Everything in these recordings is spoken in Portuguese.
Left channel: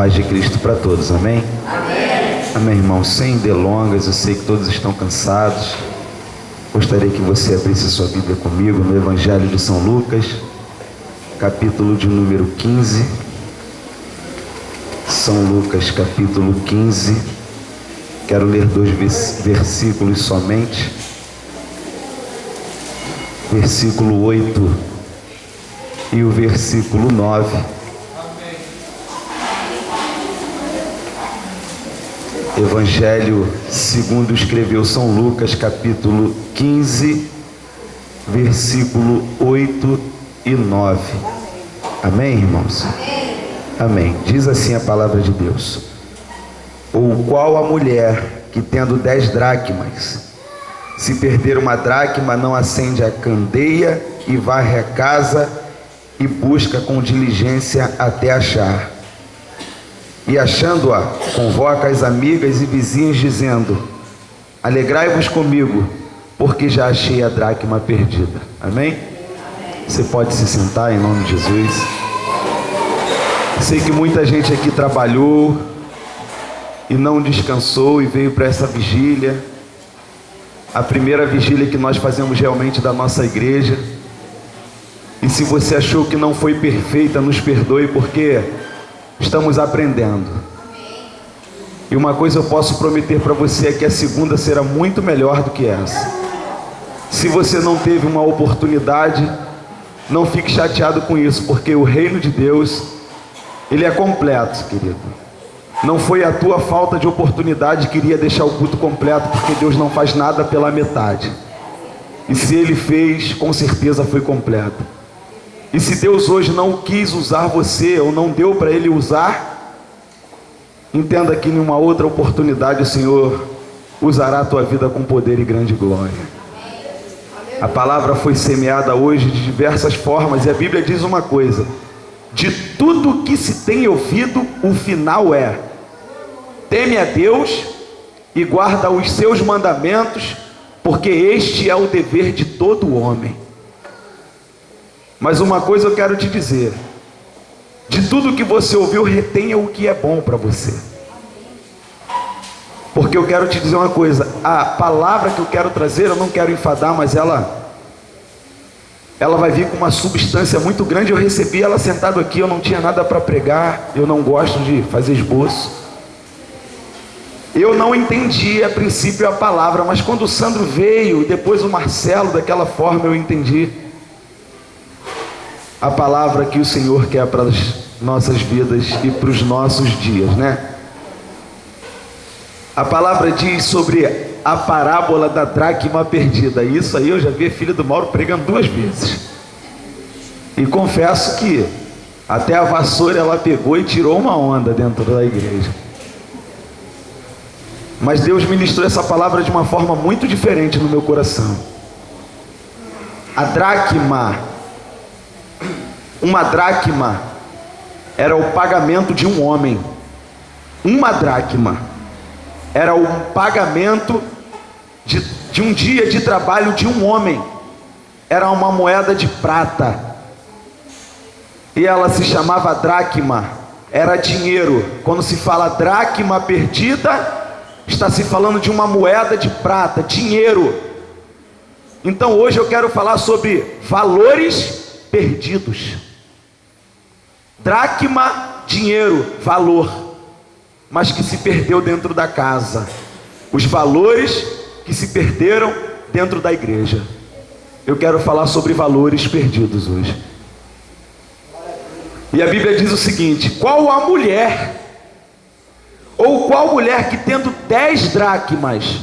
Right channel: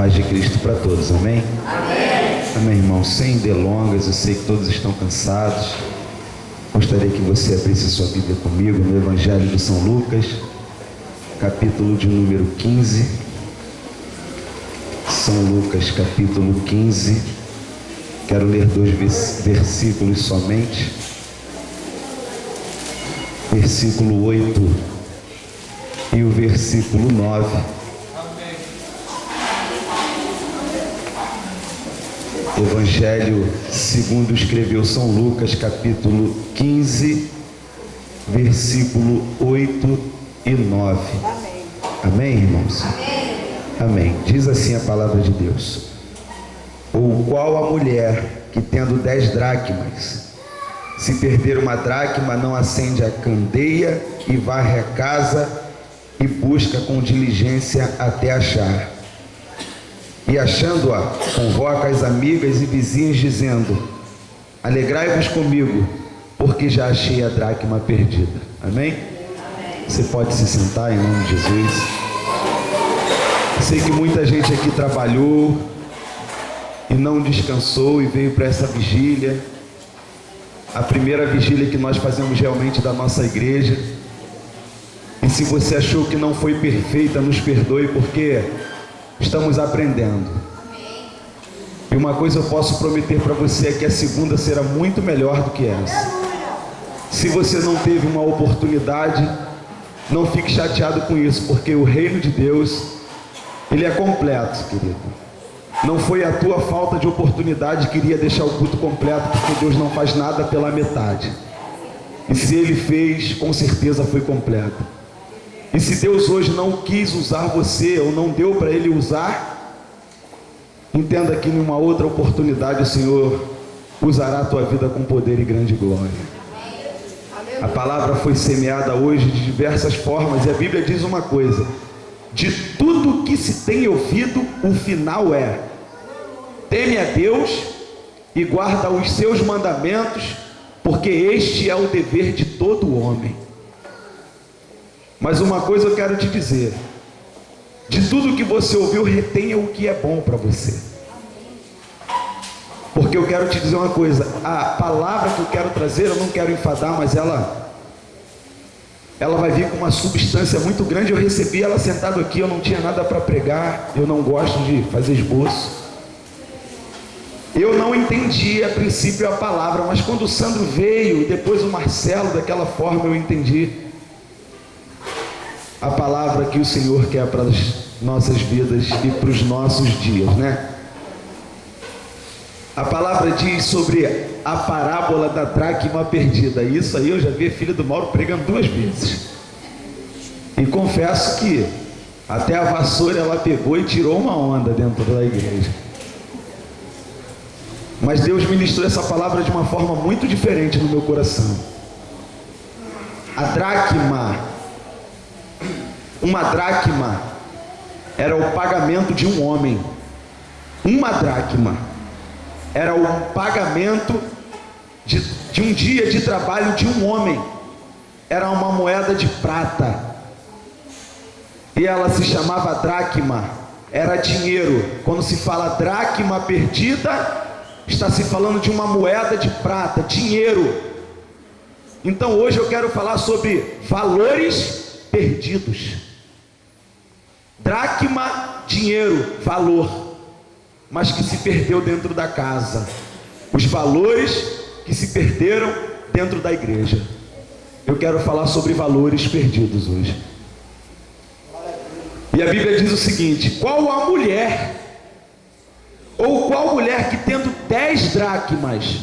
paz de Cristo para todos, amém? Amém. Amém, irmãos. Sem delongas, eu sei que todos estão cansados. Gostaria que você abrisse sua Bíblia comigo no Evangelho de São Lucas, capítulo de número 15. São Lucas, capítulo 15. Quero ler 2 versículos somente. Versículo 8 e o versículo 9. Evangelho segundo escreveu São Lucas, capítulo 15, versículo 8 e 9. Amém, irmãos? Amém. Diz assim a palavra de Deus: ou qual a mulher que tendo 10 dracmas, se perder uma dracma, não acende a candeia e varre a casa e busca com diligência até achar? E achando-a, convoca as amigas e vizinhas, dizendo: alegrai-vos comigo, porque já achei a dracma perdida. Amém? Você pode se sentar em nome de Jesus. Sei que muita gente aqui trabalhou e não descansou e veio para essa vigília, a primeira vigília que nós fazemos realmente da nossa igreja. E se você achou que não foi perfeita, nos perdoe, porque estamos aprendendo. E uma coisa eu posso prometer para você é que a segunda será muito melhor do que essa. Se você não teve uma oportunidade, não fique chateado com isso, porque o reino de Deus, ele é completo, querido. Não foi a tua falta de oportunidade que iria deixar o culto completo, porque Deus não faz nada pela metade. E se Ele fez, com certeza foi completo. E se Deus hoje não quis usar você, ou não deu para Ele usar, entenda que em uma outra oportunidade o Senhor usará a tua vida com poder e grande glória. A palavra foi semeada hoje de diversas formas, e a Bíblia diz uma coisa: de tudo que se tem ouvido, o final é: teme a Deus e guarda os seus mandamentos, porque este é o dever de todo homem. Mas uma coisa eu quero te dizer: de tudo que você ouviu, retenha o que é bom para você. Porque eu quero te dizer uma coisa: a palavra que eu quero trazer, eu não quero enfadar, mas ela vai vir com uma substância muito grande. Eu recebi ela sentado aqui, eu não tinha nada para pregar, eu não gosto de fazer esboço. Eu não entendi a princípio a palavra, mas quando o Sandro veio, e depois o Marcelo, daquela forma eu entendi a palavra que o Senhor quer para as nossas vidas e para os nossos dias, né? A palavra diz sobre a parábola da dracma perdida. Isso aí eu já vi a filha do Mauro pregando 2 vezes. E confesso que até a vassoura ela pegou e tirou uma onda dentro da igreja. Mas Deus ministrou essa palavra de uma forma muito diferente no meu coração. A dracma, uma dracma era o pagamento de um homem. Uma dracma era o pagamento de um dia de trabalho de um homem. Era uma moeda de prata, e ela se chamava dracma, era dinheiro. Quando se fala dracma perdida, está se falando de uma moeda de prata, dinheiro. Então hoje eu quero falar sobre valores perdidos. Dracma, dinheiro, valor, mas que se perdeu dentro da casa. Os valores que se perderam dentro da igreja. Eu quero falar sobre valores perdidos hoje. E a Bíblia diz o seguinte: qual a mulher, ou qual mulher que tendo 10 dracmas,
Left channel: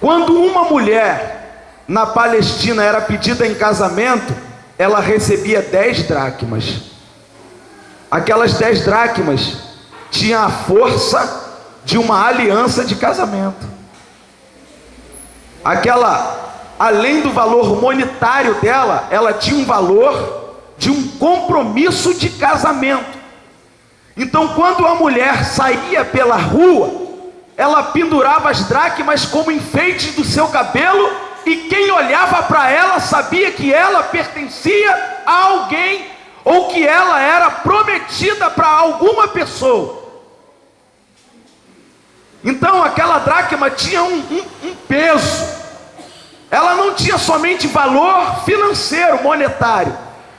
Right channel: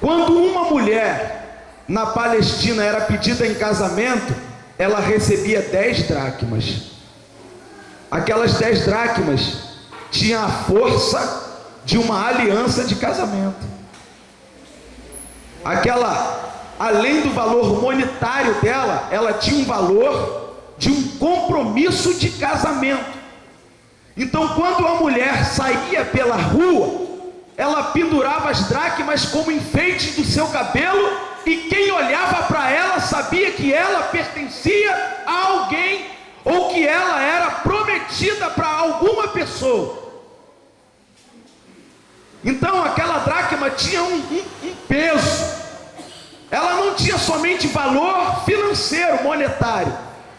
quando uma mulher na Palestina era pedida em casamento, ela recebia 10 dracmas. Aquelas 10 dracmas tinham a força de uma aliança de casamento. Além do valor monetário dela, ela tinha um valor de um compromisso de casamento. Então, quando a mulher saía pela rua, ela pendurava as dracmas como enfeite do seu cabelo, e quem olhava para ela sabia que ela pertencia a alguém, ou que ela era prometida para alguma pessoa. Então aquela dracma tinha um peso. Ela não tinha somente valor financeiro, monetário,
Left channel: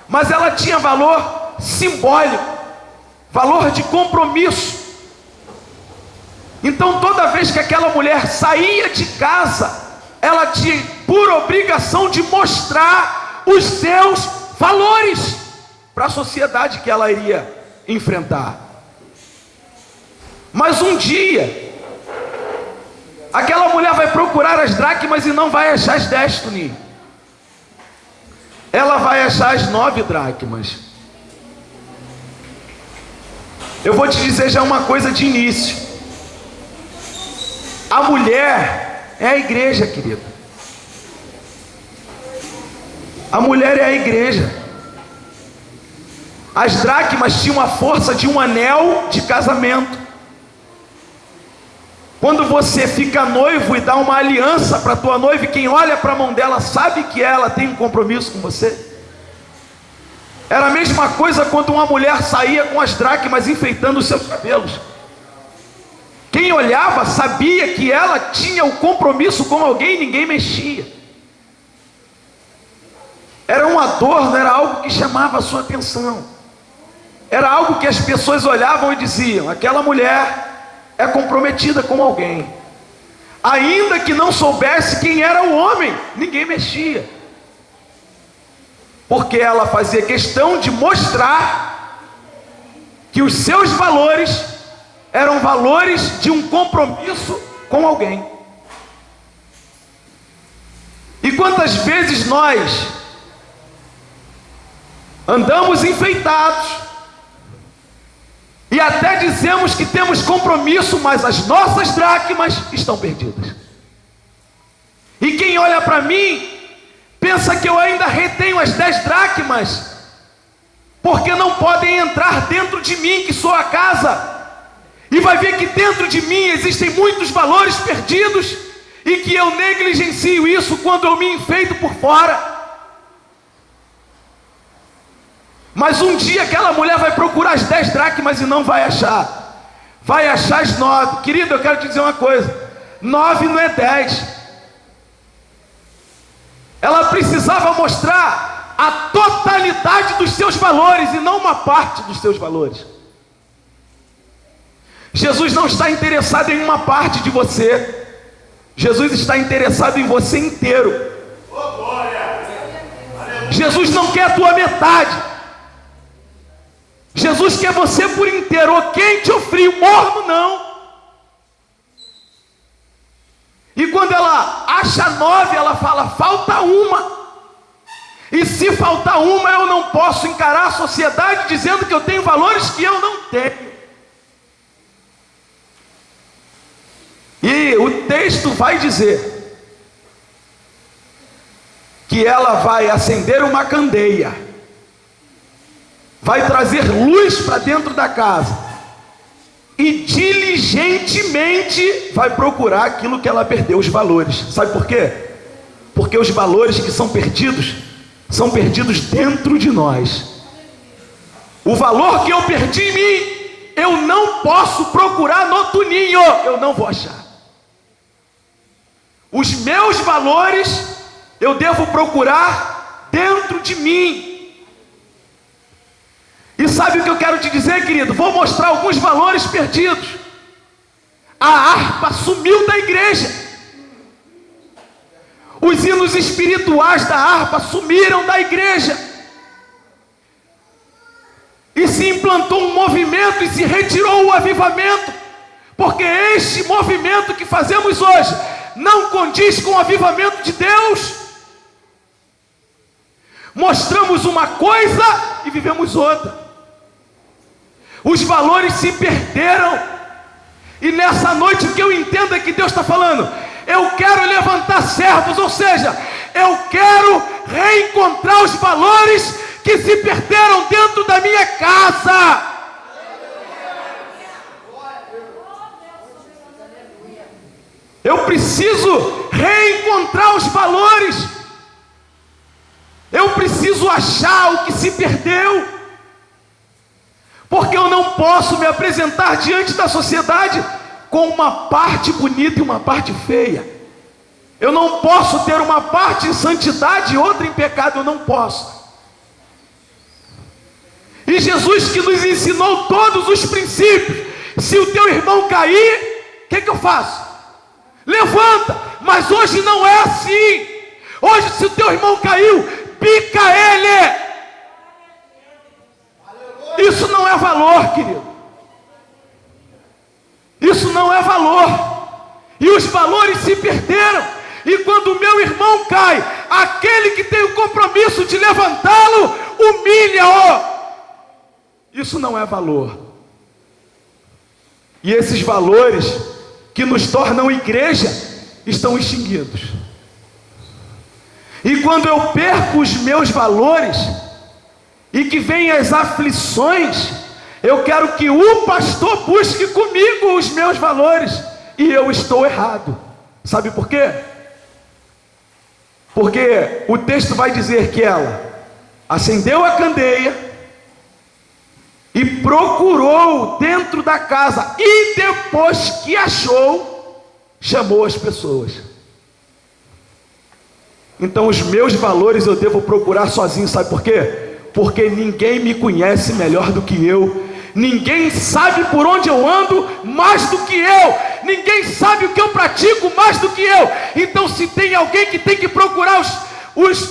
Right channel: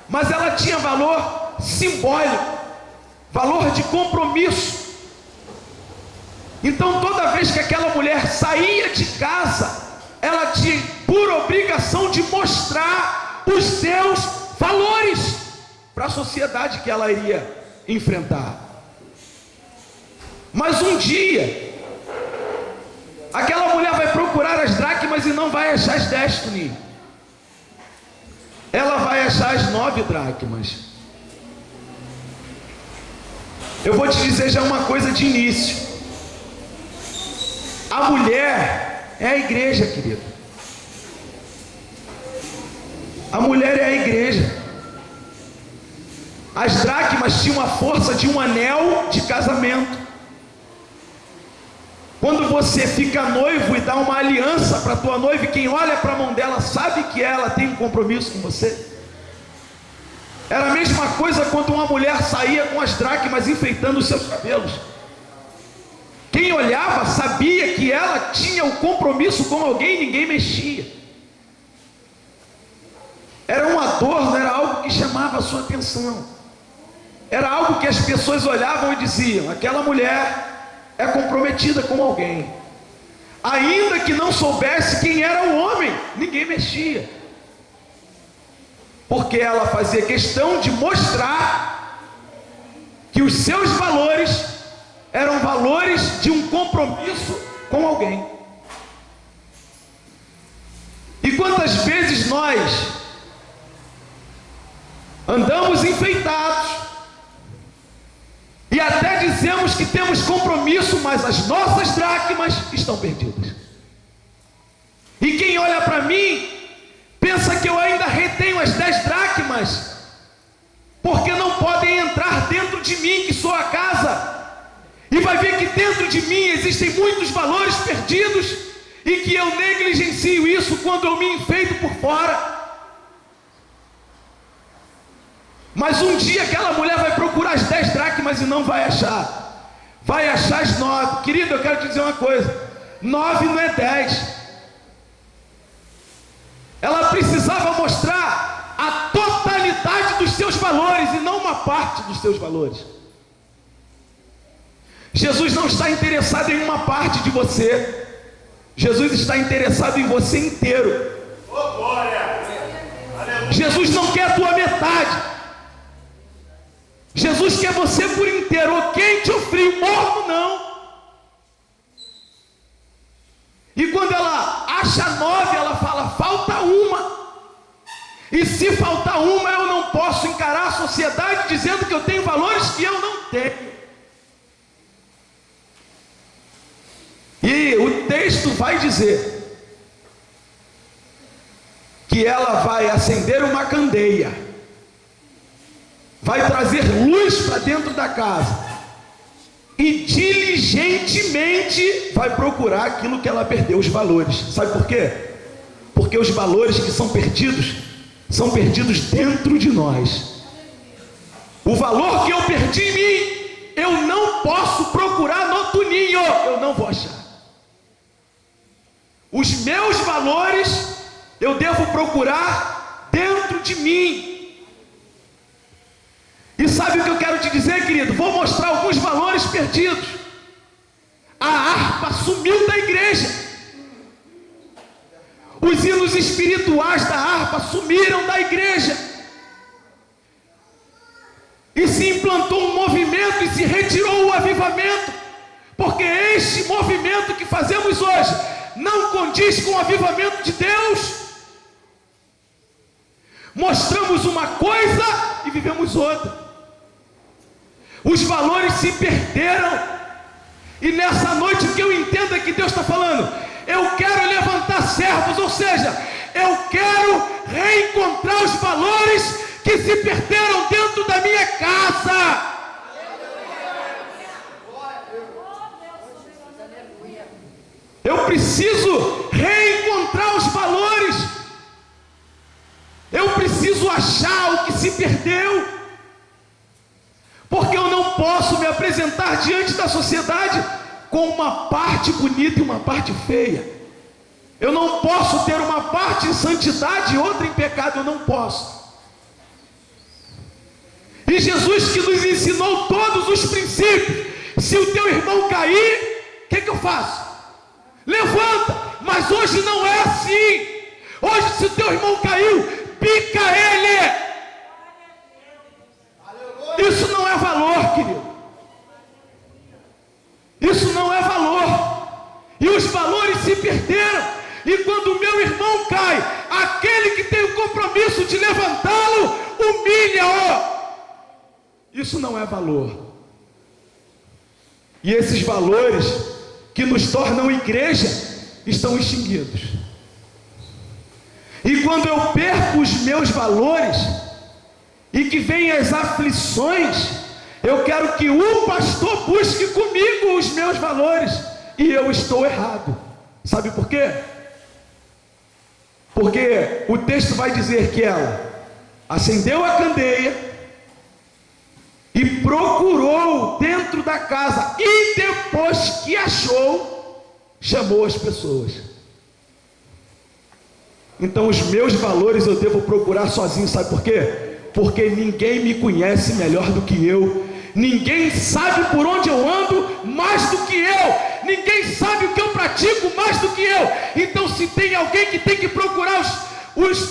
mas ela tinha valor simbólico, valor de compromisso. Então toda vez que aquela mulher saía de casa, ela tinha por obrigação de mostrar os seus valores para a sociedade que ela iria enfrentar. Mas um dia aquela mulher vai procurar as dracmas e não vai achar as 10, Toninho. Ela vai achar as 9 dracmas. Eu vou te dizer já uma coisa de início. A mulher é a igreja, querido. A mulher é a igreja. As dracmas tinham a força de um anel de casamento. Quando você fica noivo e dá uma aliança para a tua noiva, e quem olha para a mão dela sabe que ela tem um compromisso com você. Era a mesma coisa quando uma mulher saía com as dracmas enfeitando os seus cabelos. Quem olhava sabia que ela tinha o compromisso com alguém, ninguém mexia. Era um adorno, era algo que chamava a sua atenção. Era algo que as pessoas olhavam e diziam: aquela mulher é comprometida com alguém. Ainda que não soubesse quem era o homem, ninguém mexia, porque ela fazia questão de mostrar que os seus valores eram valores de um compromisso com alguém. E quantas vezes nós andamos enfeitados e até dizemos que temos compromisso, mas as nossas dracmas estão perdidas. E quem olha para mim pensa que eu ainda retenho as 10 dracmas, porque não podem entrar dentro de mim, que sou a casa, e vai ver que dentro de mim existem muitos valores perdidos, e que eu negligencio isso quando eu me enfeito por fora. Mas um dia aquela mulher vai procurar as 10 dracmas e não vai achar. Vai achar as 9. Querido, eu quero te dizer uma coisa: 9 não é 10. Ela precisava mostrar a totalidade dos seus valores e não uma parte dos seus valores. Jesus não está interessado em uma parte de você. Jesus está interessado em você inteiro. Jesus não quer a tua metade. Jesus quer você por inteiro, ou quente ou frio, morno não. E quando ela acha 9, ela fala: falta uma. E se faltar uma, eu não posso encarar a sociedade dizendo que eu tenho valores que eu não tenho. E o texto vai dizer que ela vai acender uma candeia, vai trazer luz para dentro da casa e diligentemente vai procurar aquilo que ela perdeu, os valores. Sabe por quê? Porque os valores que são perdidos dentro de nós. O valor que eu perdi em mim, eu não posso procurar no Toninho, eu não vou achar. Os meus valores eu devo procurar dentro de mim. E sabe o que eu quero te dizer, querido? Vou mostrar alguns valores perdidos. A harpa sumiu da igreja. Os hinos espirituais da harpa sumiram da igreja. E se implantou um movimento e se retirou o avivamento. Porque este movimento que fazemos hoje não condiz com o avivamento de Deus. Mostramos uma coisa e vivemos outra. Os valores se perderam. E nessa noite o que eu entendo é que Deus está falando: eu quero levantar servos, ou seja, eu quero reencontrar os valores que se perderam dentro da minha casa. Eu preciso reencontrar os valores. Eu preciso achar o que se perdeu. Porque eu não posso me apresentar diante da sociedade com uma parte bonita e uma parte feia. Eu não posso ter uma parte em santidade e outra em pecado, eu não posso. E Jesus, que nos ensinou todos os princípios, se o teu irmão cair, o que eu faço? Levanta. Mas hoje não é assim. Hoje, se o teu irmão caiu, pica ele. Isso não é valor, querido. Isso não é valor. E os valores se perderam. E quando o meu irmão cai, aquele que tem o compromisso de levantá-lo, humilha-o. Isso não é valor. E esses valores que nos tornam igreja estão extinguidos. E quando eu perco os meus valores e que vêm as aflições, eu quero que o pastor busque comigo os meus valores, e eu estou errado. Sabe por quê? Porque o texto vai dizer que ela acendeu a candeia e procurou dentro da casa, e depois que achou, chamou as pessoas. Então os meus valores eu devo procurar sozinho, sabe por quê? Porque ninguém me conhece melhor do que eu, ninguém sabe por onde eu ando mais do que eu, ninguém sabe o que eu pratico mais do que eu. Então se tem alguém que tem que procurar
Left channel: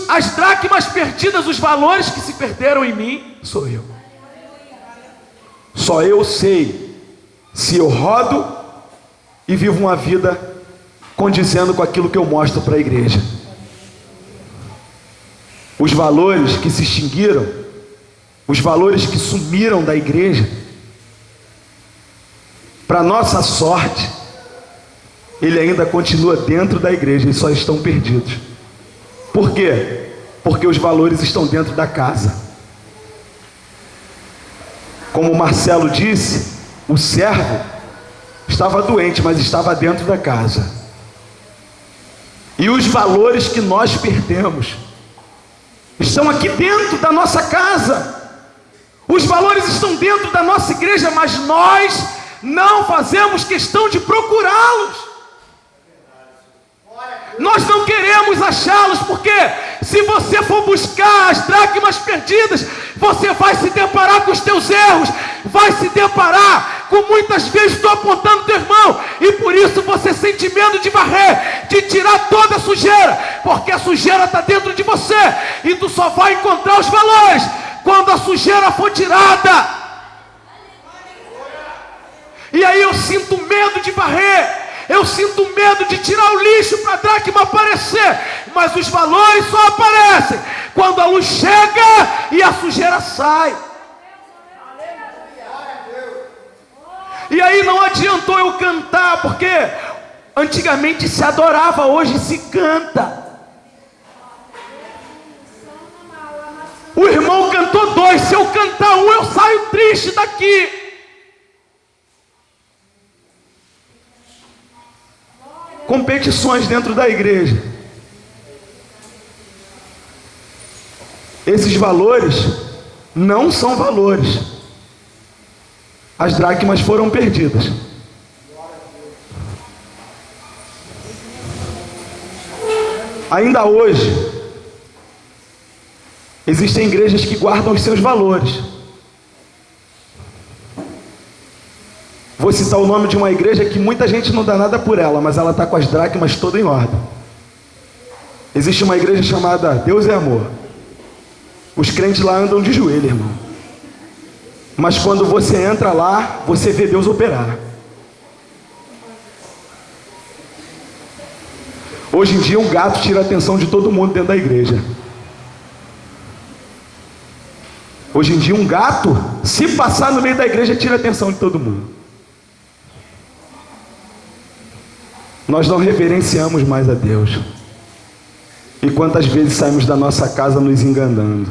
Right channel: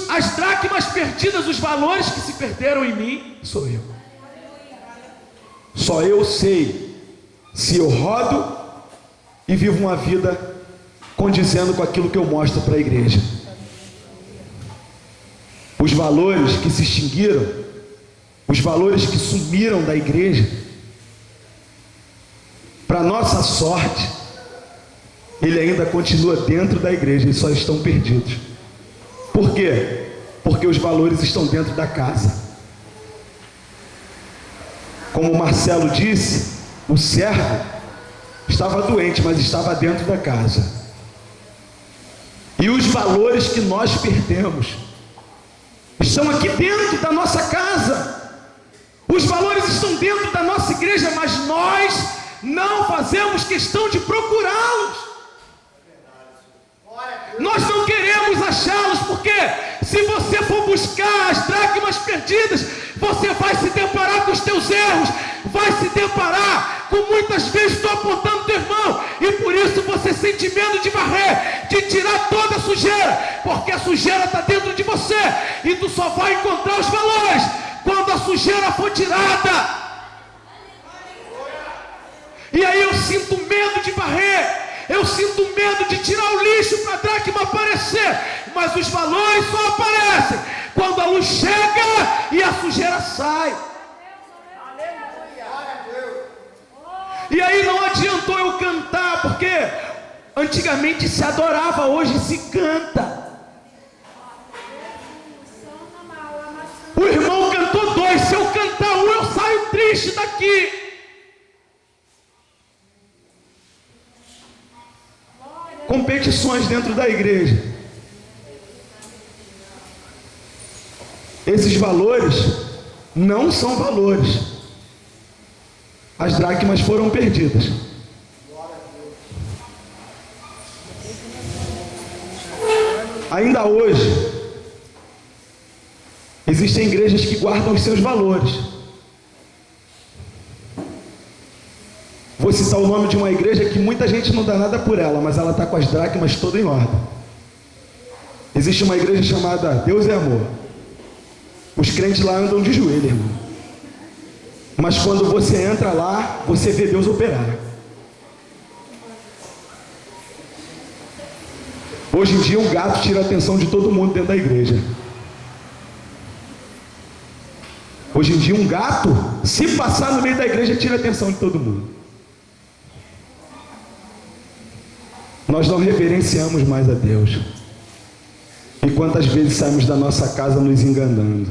as dracmas perdidas, os valores que se perderam em mim, sou eu. Só eu sei se eu rodo e vivo uma vida condizendo com aquilo que eu mostro para a igreja. Os valores que se extinguiram, os valores que sumiram da igreja, para nossa sorte, ele ainda continua dentro da igreja e só estão perdidos. Por quê? Porque os valores estão dentro da casa. Como o Marcelo disse, o servo estava doente, mas estava dentro da casa. E os valores que nós perdemos estão aqui dentro da nossa casa. Os valores estão dentro da nossa igreja, mas nós não fazemos questão de procurá-los. Nós não queremos achá-los, porque se você for buscar as dracmas perdidas, você vai se deparar com os teus erros, vai se deparar com muitas vezes estou apontando teu irmão, e por isso você sente medo de varrer, de tirar toda a sujeira, porque a sujeira está dentro de você, e tu só vai encontrar os valores quando a sujeira for tirada. E aí eu sinto medo de varrer, eu sinto medo de tirar o lixo para a dracma aparecer, mas os valores só aparecem quando a luz chega e a sujeira sai. E aí não adiantou eu cantar, porque antigamente se adorava, hoje se canta. O irmão cantou 2, se eu cantar 1, eu saio triste daqui. Competições dentro da igreja. Esses valores não são valores. As dracmas foram perdidas. Ainda hoje existem igrejas que guardam os seus valores. Vou citar o nome de uma igreja que muita gente não dá nada por ela, mas ela está com as dracmas toda em ordem. Existe uma igreja chamada Deus é Amor. Os crentes lá andam de joelho, irmão. Mas quando você entra lá, você vê Deus operar. Hoje em dia um gato tira a atenção de todo mundo dentro da igreja. Hoje em dia um gato, se passar no meio da igreja, tira a atenção de todo mundo. Nós não reverenciamos mais a Deus. E quantas vezes saímos da nossa casa nos enganando?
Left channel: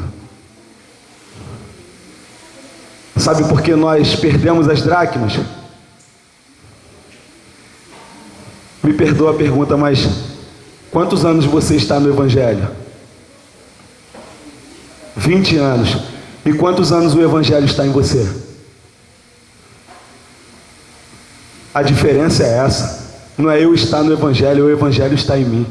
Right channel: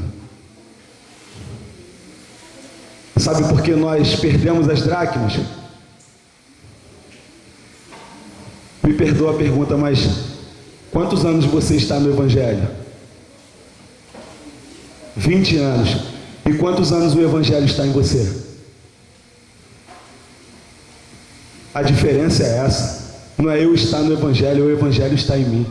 Sabe por que nós perdemos as dracmas? Me perdoa a pergunta, mas quantos anos você está no Evangelho? 20 anos. E quantos anos o Evangelho está em você? A diferença é essa. Não é eu estar no Evangelho, o Evangelho está em mim.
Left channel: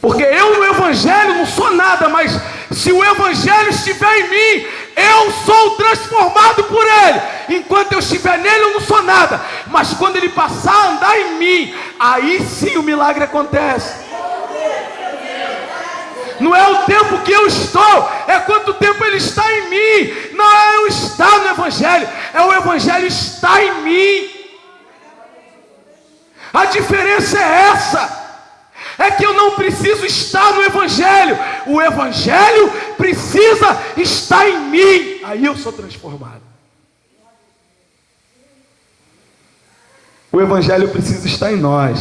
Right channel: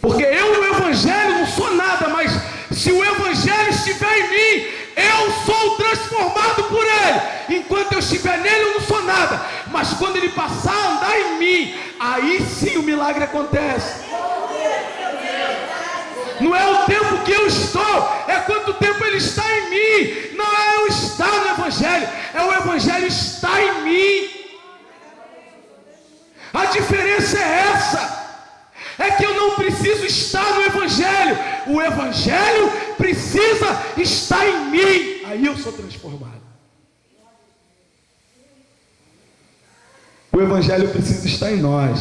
Porque eu no Evangelho não sou nada, mas se o Evangelho estiver em mim, eu sou transformado por ele. Enquanto eu estiver nele, eu não sou nada. Mas quando ele passar a andar em mim, aí sim o milagre acontece. Não é o tempo que eu estou, é quanto tempo ele está em mim. Não é eu estar no Evangelho, é o Evangelho estar em mim. A diferença é essa. É que eu não preciso estar no Evangelho, o Evangelho precisa estar em mim. Aí eu sou transformado. O Evangelho precisa estar em nós.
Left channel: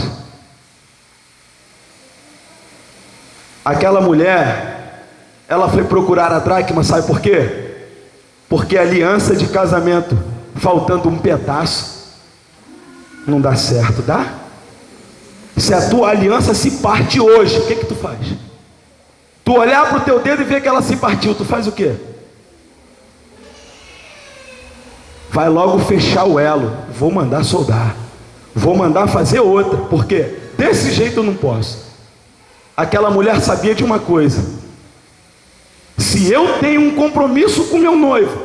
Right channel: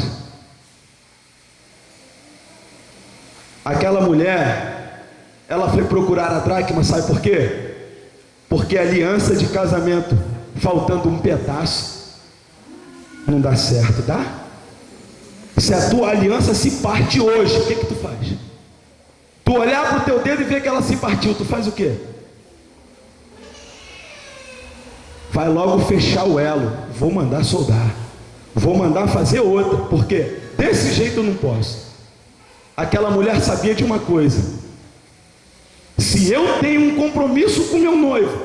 Aquela mulher, ela foi procurar a dracma, sabe por quê? Porque a aliança de casamento, faltando um pedaço, não dá certo, dá? Se a tua aliança se parte hoje, o que tu faz? Tu olhar para o teu dedo e ver que ela se partiu, tu faz o quê? Vai logo fechar o elo. Vou mandar soldar, vou mandar fazer outra, porque desse jeito eu não posso. Aquela mulher sabia de uma coisa: se eu tenho um compromisso com meu noivo,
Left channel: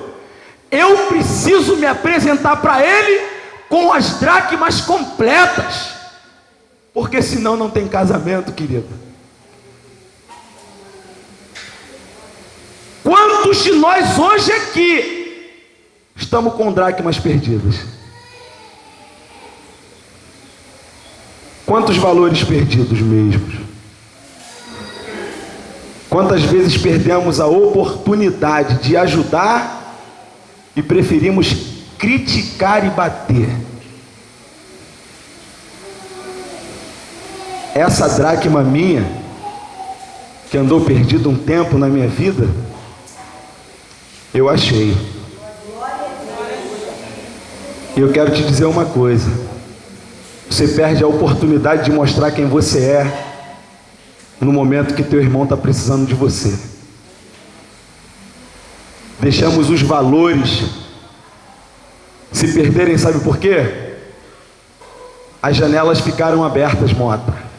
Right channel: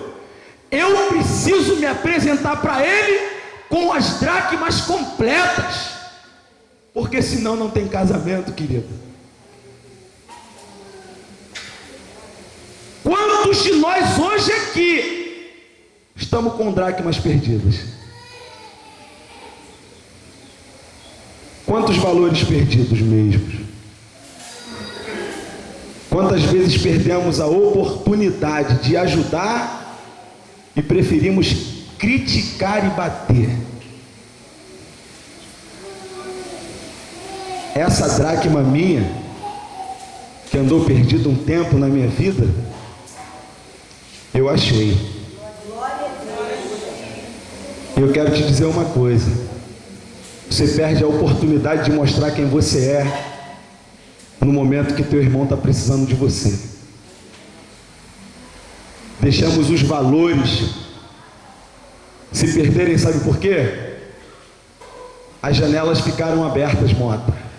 eu preciso me apresentar para ele com as dracmas completas. Porque senão não tem casamento, querido. Quantos de nós hoje aqui estamos com dracmas perdidas? Quantos valores perdidos mesmo? Quantas vezes perdemos a oportunidade de ajudar e preferimos criticar e bater? Essa dracma minha, que andou perdida um tempo na minha vida, eu achei. E eu quero te dizer uma coisa: você perde a oportunidade de mostrar quem você é no momento que teu irmão está precisando de você. Deixamos os valores se perderem, sabe por quê? As janelas ficaram abertas, Mota.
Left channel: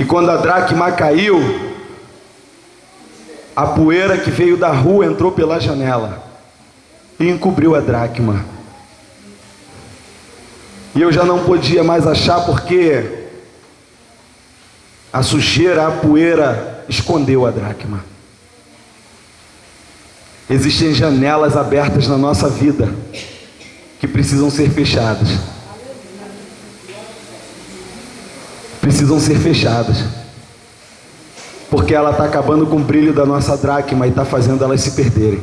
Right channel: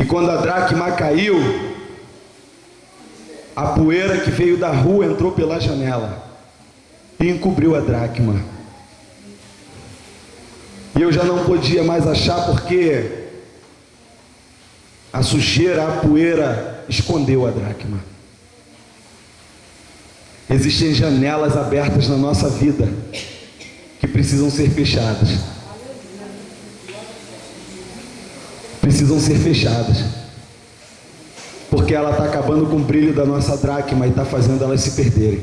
E quando a dracma caiu, a poeira que veio da rua entrou pela janela e encobriu a dracma. E eu já não podia mais achar, porque a sujeira, a poeira escondeu a dracma. Existem janelas abertas na nossa vida que precisam ser fechadas. Precisam ser fechadas. Porque ela está acabando com o brilho da nossa dracma e está fazendo elas se perderem.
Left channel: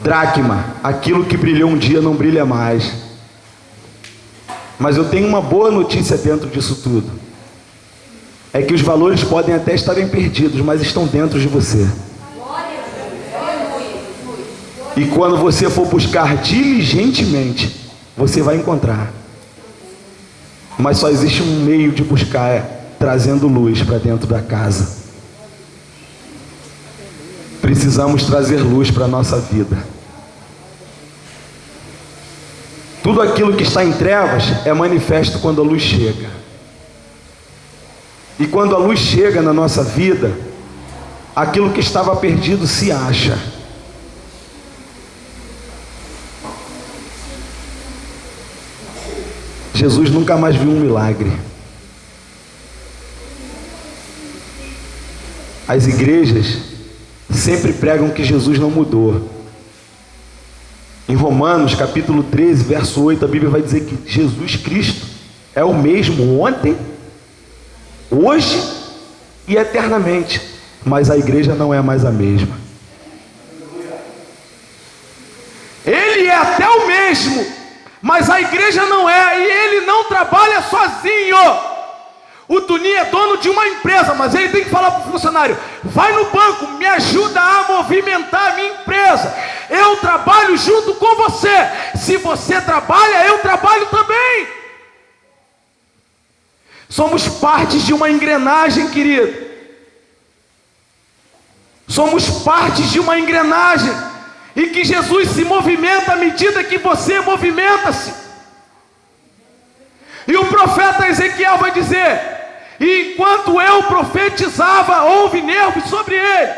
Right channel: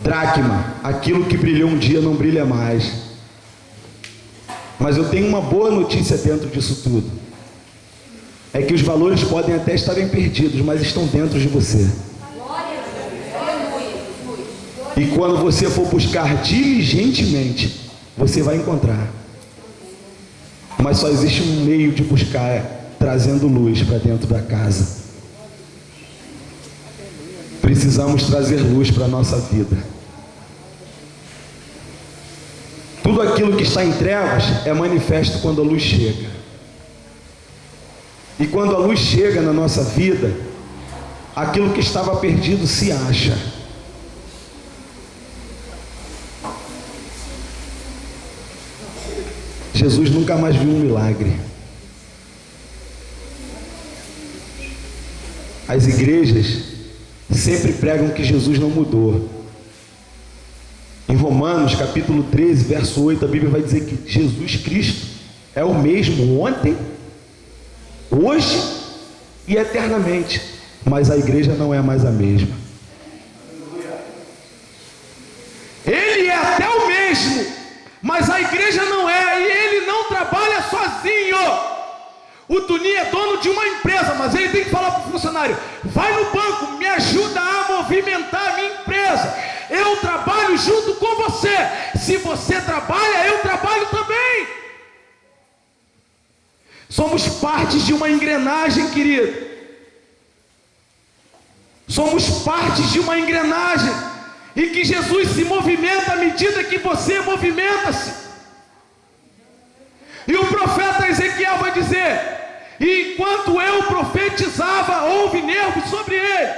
Dracma, aquilo que brilhou um dia não brilha mais. Mas eu tenho uma boa notícia dentro disso tudo. É que os valores podem até estarem perdidos, mas estão dentro de você. E quando você for buscar diligentemente, você vai encontrar. Mas só existe um meio de buscar, trazendo luz para dentro da casa. Precisamos trazer luz para a nossa vida. Tudo aquilo que está em trevas é manifesto quando a luz chega. E quando a luz chega na nossa vida, aquilo que estava perdido se acha. Jesus nunca mais viu um milagre. As igrejas sempre pregam que Jesus não mudou. Em Romanos capítulo 13, verso 8, a Bíblia vai dizer que Jesus Cristo é o mesmo ontem, hoje e eternamente. Mas a igreja não é mais a mesma. Ele é até o mesmo, mas a igreja não é. E ele não trabalha sozinho. O Tuninho é dono de uma empresa, mas ele tem que falar para o funcionário: vai no banco, me ajuda a movimentar a minha empresa. Eu trabalho junto com você. Se você trabalha, eu trabalho também. Somos partes de uma engrenagem, querido. Somos partes de uma engrenagem. e que Jesus se movimenta à medida que você movimenta-se. E o profeta Ezequiel vai dizer: e enquanto eu profetizava, houve nervos sobre ele.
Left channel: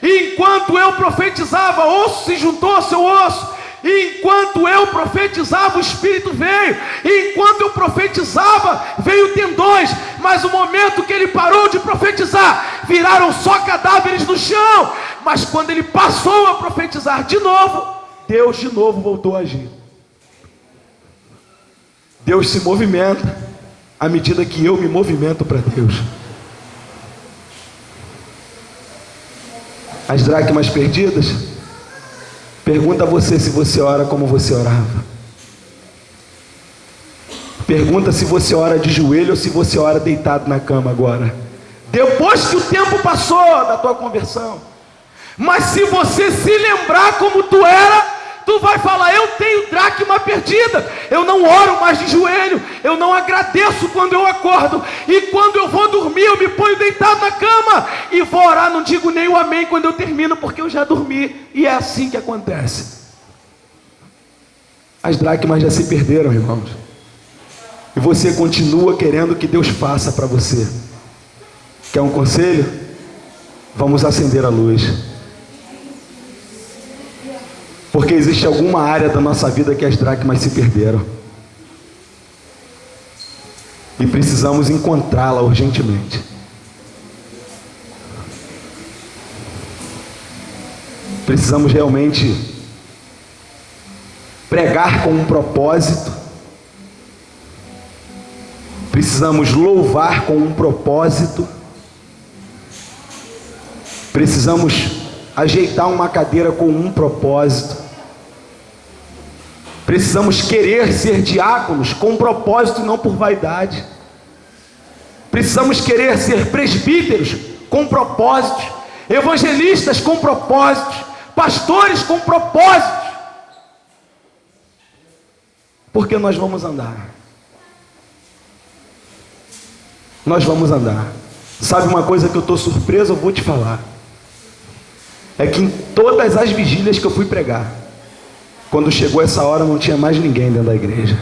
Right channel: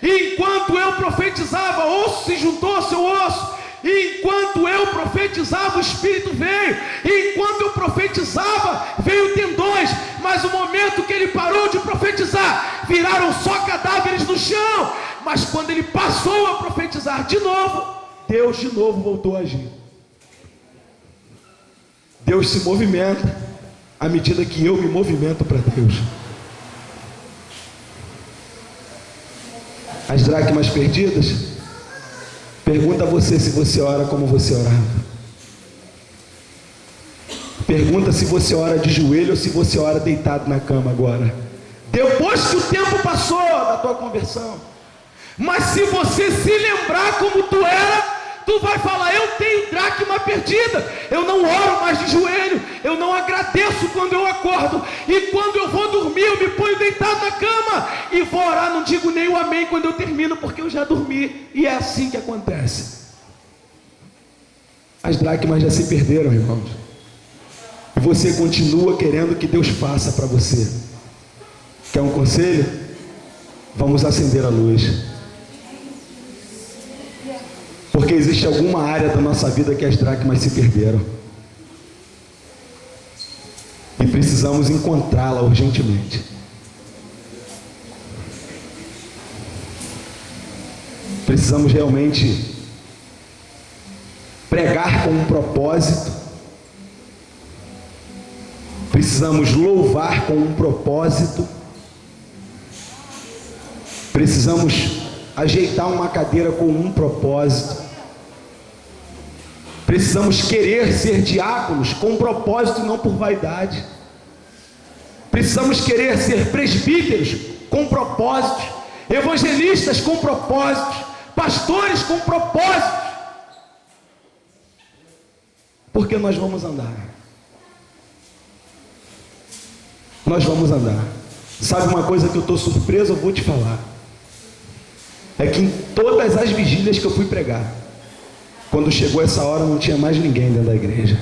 E enquanto eu profetizava, osso se juntou ao seu osso. E enquanto eu profetizava, o Espírito veio. E enquanto eu profetizava, veio tendões. Mas o momento que ele parou de profetizar, viraram só cadáveres no chão. Mas quando ele passou a profetizar de novo, Deus de novo voltou a agir. Deus se movimenta à medida que eu me movimento para Deus. As dracmas perdidas, pergunta a você se você ora como você orava. Pergunta se você ora de joelho ou se você ora deitado na cama agora, depois que o tempo passou da tua conversão. Mas se você se lembrar como tu era, tu vai falar: eu tenho dracma perdida. Eu não oro mais de joelho, eu não agradeço quando eu acordo, e quando eu vou dormir eu me ponho deitado na cama e vou orar, não digo nem o amém quando eu termino, porque eu já dormi. E é assim que acontece. As dracmas já se perderam, irmãos, e você continua querendo que Deus faça para você. Quer um conselho? Vamos acender a luz. Porque existe alguma área da nossa vida que as dracmas se perderam, e precisamos encontrá-la urgentemente. Precisamos realmente pregar com um propósito. Precisamos louvar com um propósito. Precisamos ajeitar uma cadeira com um propósito. Precisamos querer ser diáconos com propósito e não por vaidade. Precisamos querer ser presbíteros com propósitos, evangelistas com propósitos, pastores com propósitos. Porque nós vamos andar. Nós vamos andar. Sabe uma coisa que eu estou surpreso, eu vou te falar. É que em todas as vigílias que eu fui pregar, quando chegou essa hora não tinha mais ninguém dentro da igreja.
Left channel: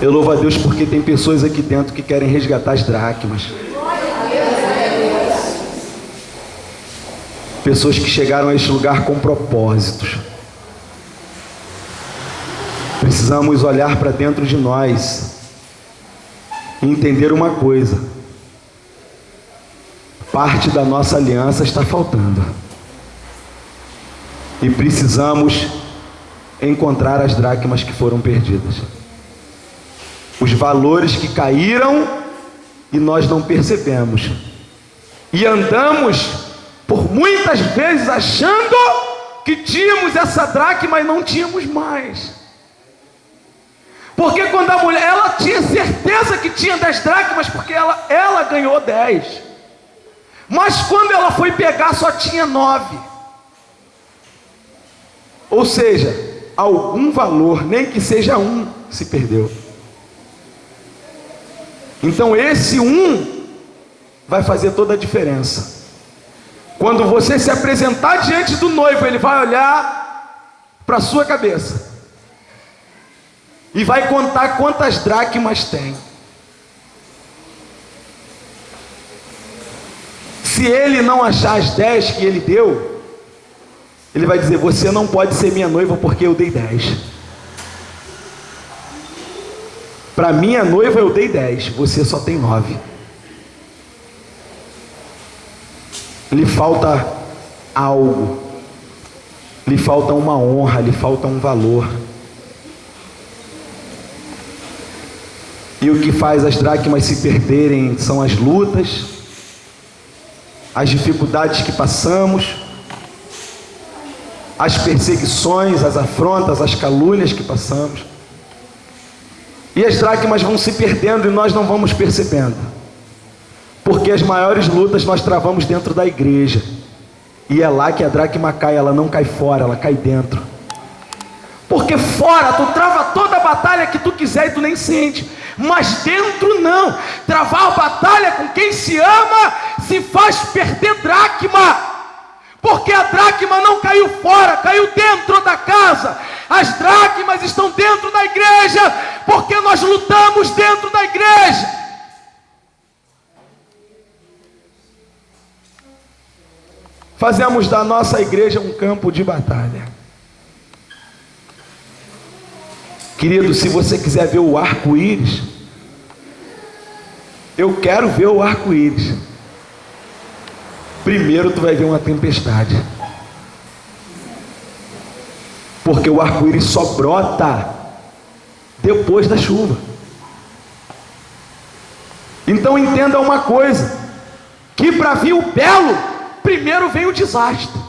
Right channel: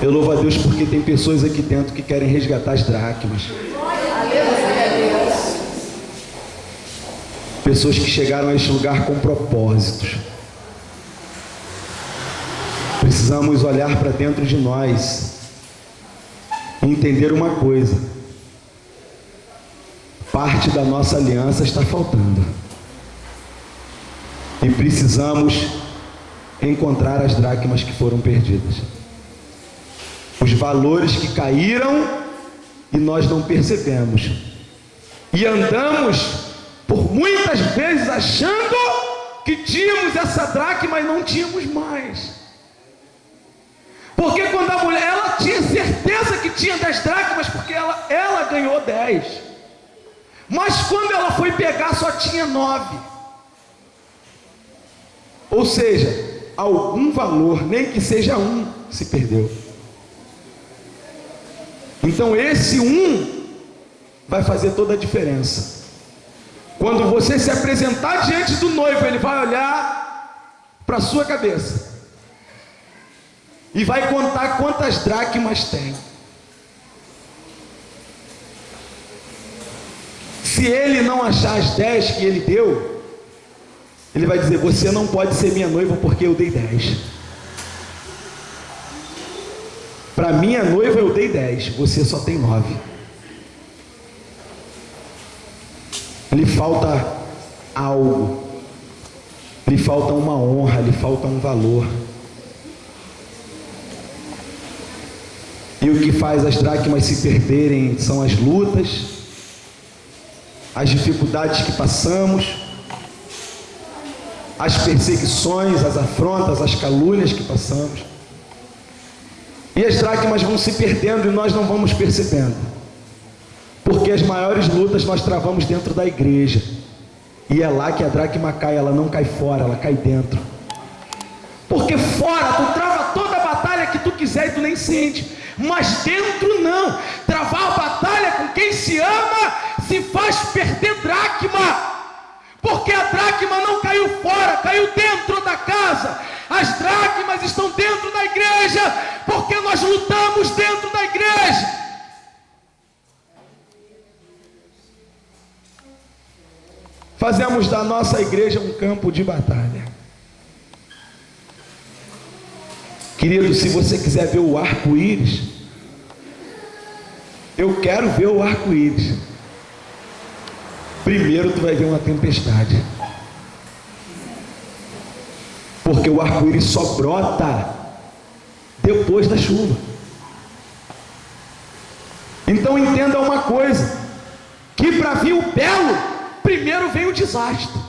Eu louvo a Deus porque tem pessoas aqui dentro que querem resgatar as dracmas. Pessoas que chegaram a este lugar com propósitos. Precisamos olhar para dentro de nós e entender uma coisa: parte da nossa aliança está faltando, e precisamos encontrar as dracmas que foram perdidas, os valores que caíram e nós não percebemos, e andamos por muitas vezes achando que tínhamos essa dracma e não tínhamos mais. Porque quando a mulher, ela tinha certeza que tinha 10 dracmas, porque ela ganhou 10. Mas quando ela foi pegar, só tinha 9. Ou seja, algum valor, nem que seja um, se perdeu. Então esse um vai fazer toda a diferença. Quando você se apresentar diante do noivo, ele vai olhar para a sua cabeça e vai contar quantas dracmas tem. Se ele não achar as 10 que ele deu, ele vai dizer: você não pode ser minha noiva porque eu dei 10. Para minha noiva eu dei 10, você só tem 9. Lhe falta algo, lhe falta uma honra, lhe falta um valor. E o que faz as dracmas se perderem são as lutas, as dificuldades que passamos, as perseguições, as afrontas, as calúnias que passamos. E as dracmas vão se perdendo e nós não vamos percebendo. Porque as maiores lutas nós travamos dentro da igreja. E é lá que a dracma cai, ela não cai fora, ela cai dentro. Porque fora tu trava toda a batalha que tu quiser e tu nem sente. Mas dentro não. Travar a batalha com quem se ama se faz perder dracma. Porque a dracma não caiu fora, caiu dentro da casa. As dracmas estão dentro da igreja, porque nós lutamos dentro da igreja. Fazemos da nossa igreja um campo de batalha. Querido, se você quiser ver o arco-íris, eu quero ver o arco-íris. Primeiro tu vai ver uma tempestade, porque o arco-íris só brota depois da chuva. Então entenda uma coisa, que para vir o belo, primeiro vem o desastre.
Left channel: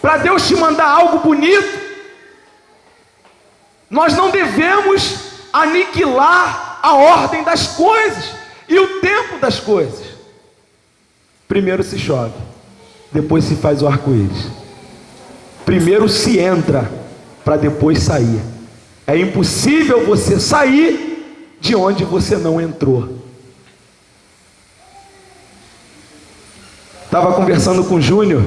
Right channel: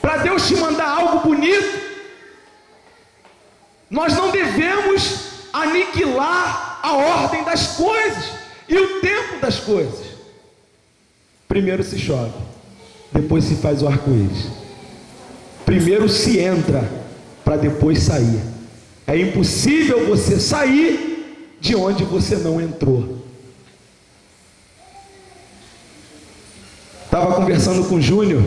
Para Deus te mandar algo bonito, nós não devemos aniquilar a ordem das coisas e o tempo das coisas. Primeiro se chove, depois se faz o arco-íris. Primeiro se entra, para depois sair. É impossível você sair de onde você não entrou. Estava conversando com o Júnior,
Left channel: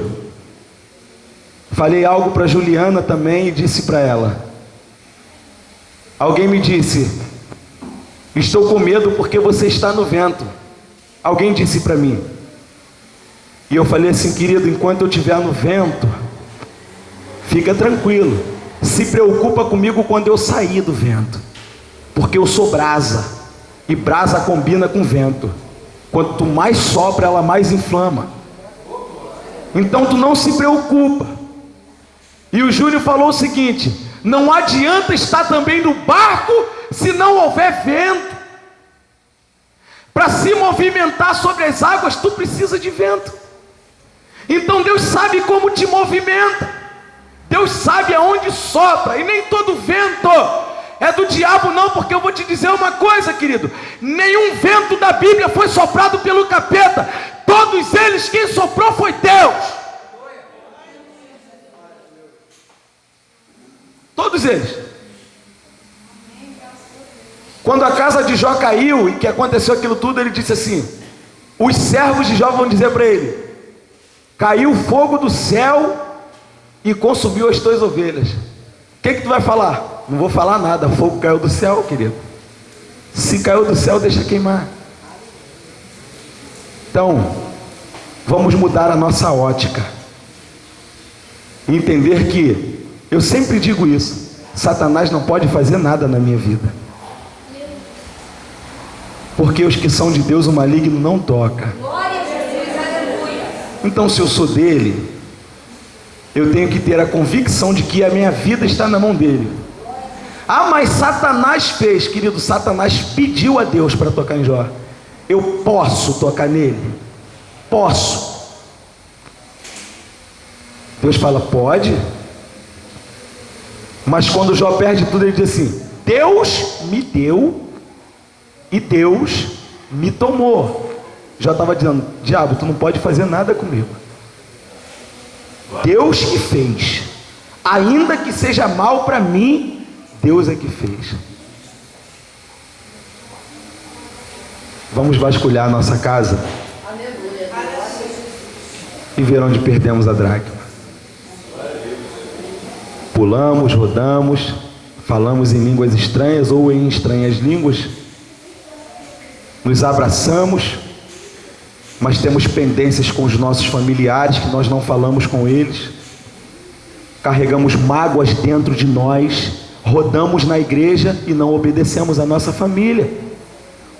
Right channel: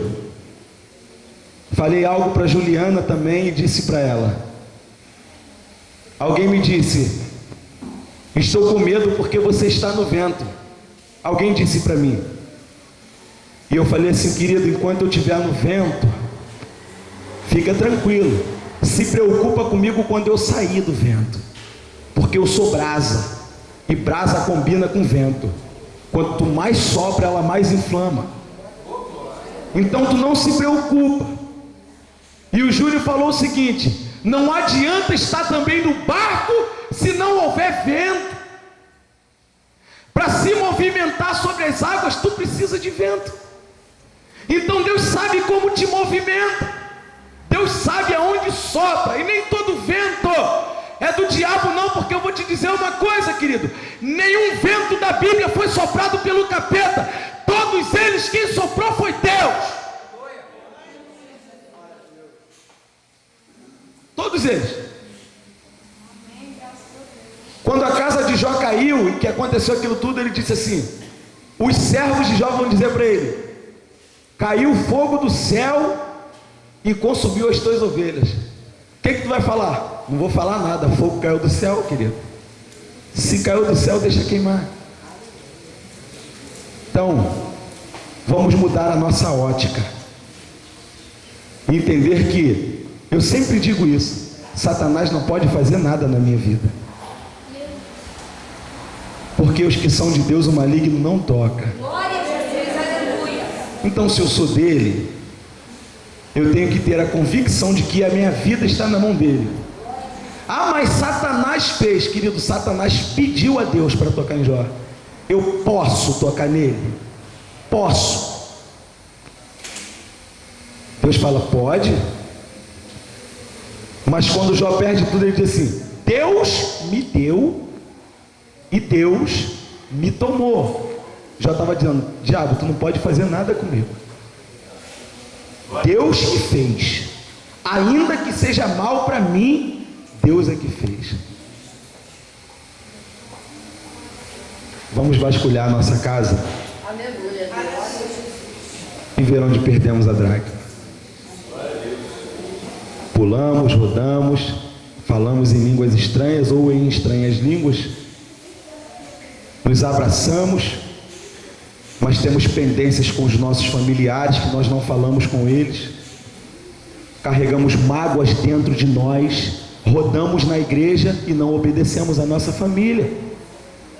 falei algo para Juliana também e disse para ela. Alguém me disse: estou com medo porque você está no vento. Alguém disse para mim. E eu falei assim: querido, enquanto eu estiver no vento, fica tranquilo, se preocupa comigo quando eu sair do vento, porque eu sou brasa, e brasa combina com vento. Quanto mais sopra, ela mais inflama. Então tu não se preocupa. E o Júnior falou o seguinte: não adianta estar também no barco se não houver vento. Para se movimentar sobre as águas, tu precisa de vento. Então Deus sabe como te movimenta, Deus sabe aonde sopra, e nem todo vento é do diabo não, porque eu vou te dizer uma coisa, querido: nenhum vento da Bíblia foi soprado pelo capeta, todos eles quem soprou foi Deus. Todos eles. Quando a casa de Jó caiu e que aconteceu aquilo tudo, ele disse assim: os servos de Jó vão dizer para ele: caiu fogo do céu e consumiu as tuas ovelhas. O que tu vai falar? Não vou falar nada, fogo caiu do céu, querido. Se caiu do céu, deixa queimar. Então, vamos mudar a nossa ótica, entender que, eu sempre digo isso, Satanás não pode fazer nada na minha vida, porque os que são de Deus o maligno não toca. Então, se eu sou dele, eu tenho que ter a convicção de que a minha vida está na mão dele. Ah, mas Satanás fez, querido, Satanás pediu a Deus para tocar em Jó. Eu posso tocar nele? Posso. Deus fala: pode. Mas quando Jó perde tudo, ele diz assim: Deus me deu e Deus me tomou. Jó estava dizendo: diabo, tu não pode fazer nada comigo. Deus que fez, ainda que seja mal para mim, Deus é que fez. Vamos vasculhar a nossa casa e ver onde perdemos a dracma. Pulamos, rodamos, falamos em línguas estranhas ou em estranhas línguas, nos abraçamos, mas temos pendências com os nossos familiares que nós não falamos com eles, carregamos mágoas dentro de nós, rodamos na igreja e não obedecemos a nossa família,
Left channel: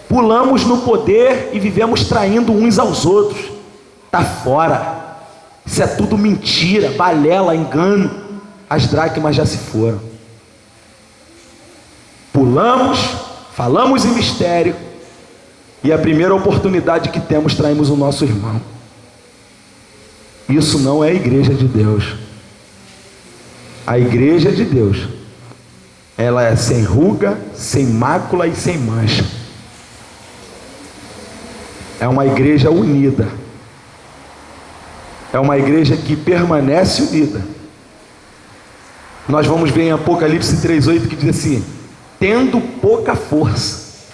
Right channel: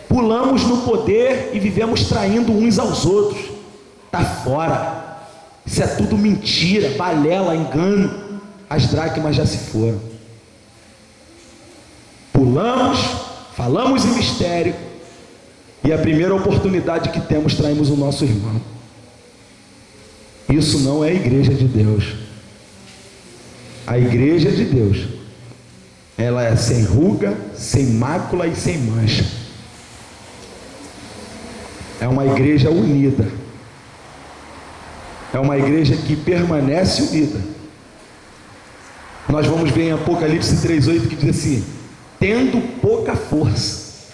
pulamos no poder e vivemos traindo uns aos outros. Está fora, isso é tudo mentira, balela, engano. As dracmas já se foram. Pulamos, falamos em mistério, e a primeira oportunidade que temos, traímos o nosso irmão. Isso não é a igreja de Deus. A igreja de Deus, ela é sem ruga, sem mácula e sem mancha. É uma igreja unida. É uma igreja que permanece unida. Nós vamos ver em Apocalipse 3:8 que diz assim: tendo pouca força,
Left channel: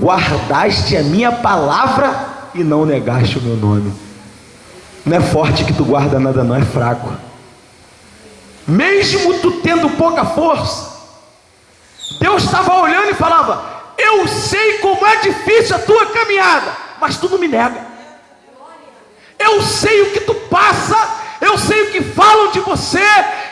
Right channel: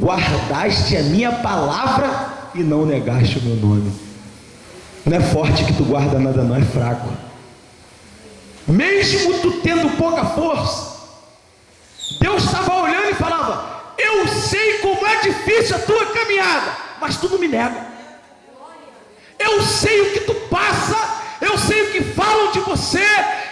guardaste a minha palavra e não negaste o meu nome. Não é forte que tu guarda nada, não, é fraco. Mesmo tu tendo pouca força, Deus estava olhando e falava: eu sei como é difícil a tua caminhada, mas tu não me nega. Eu sei o que tu passa, eu sei o que falam de você,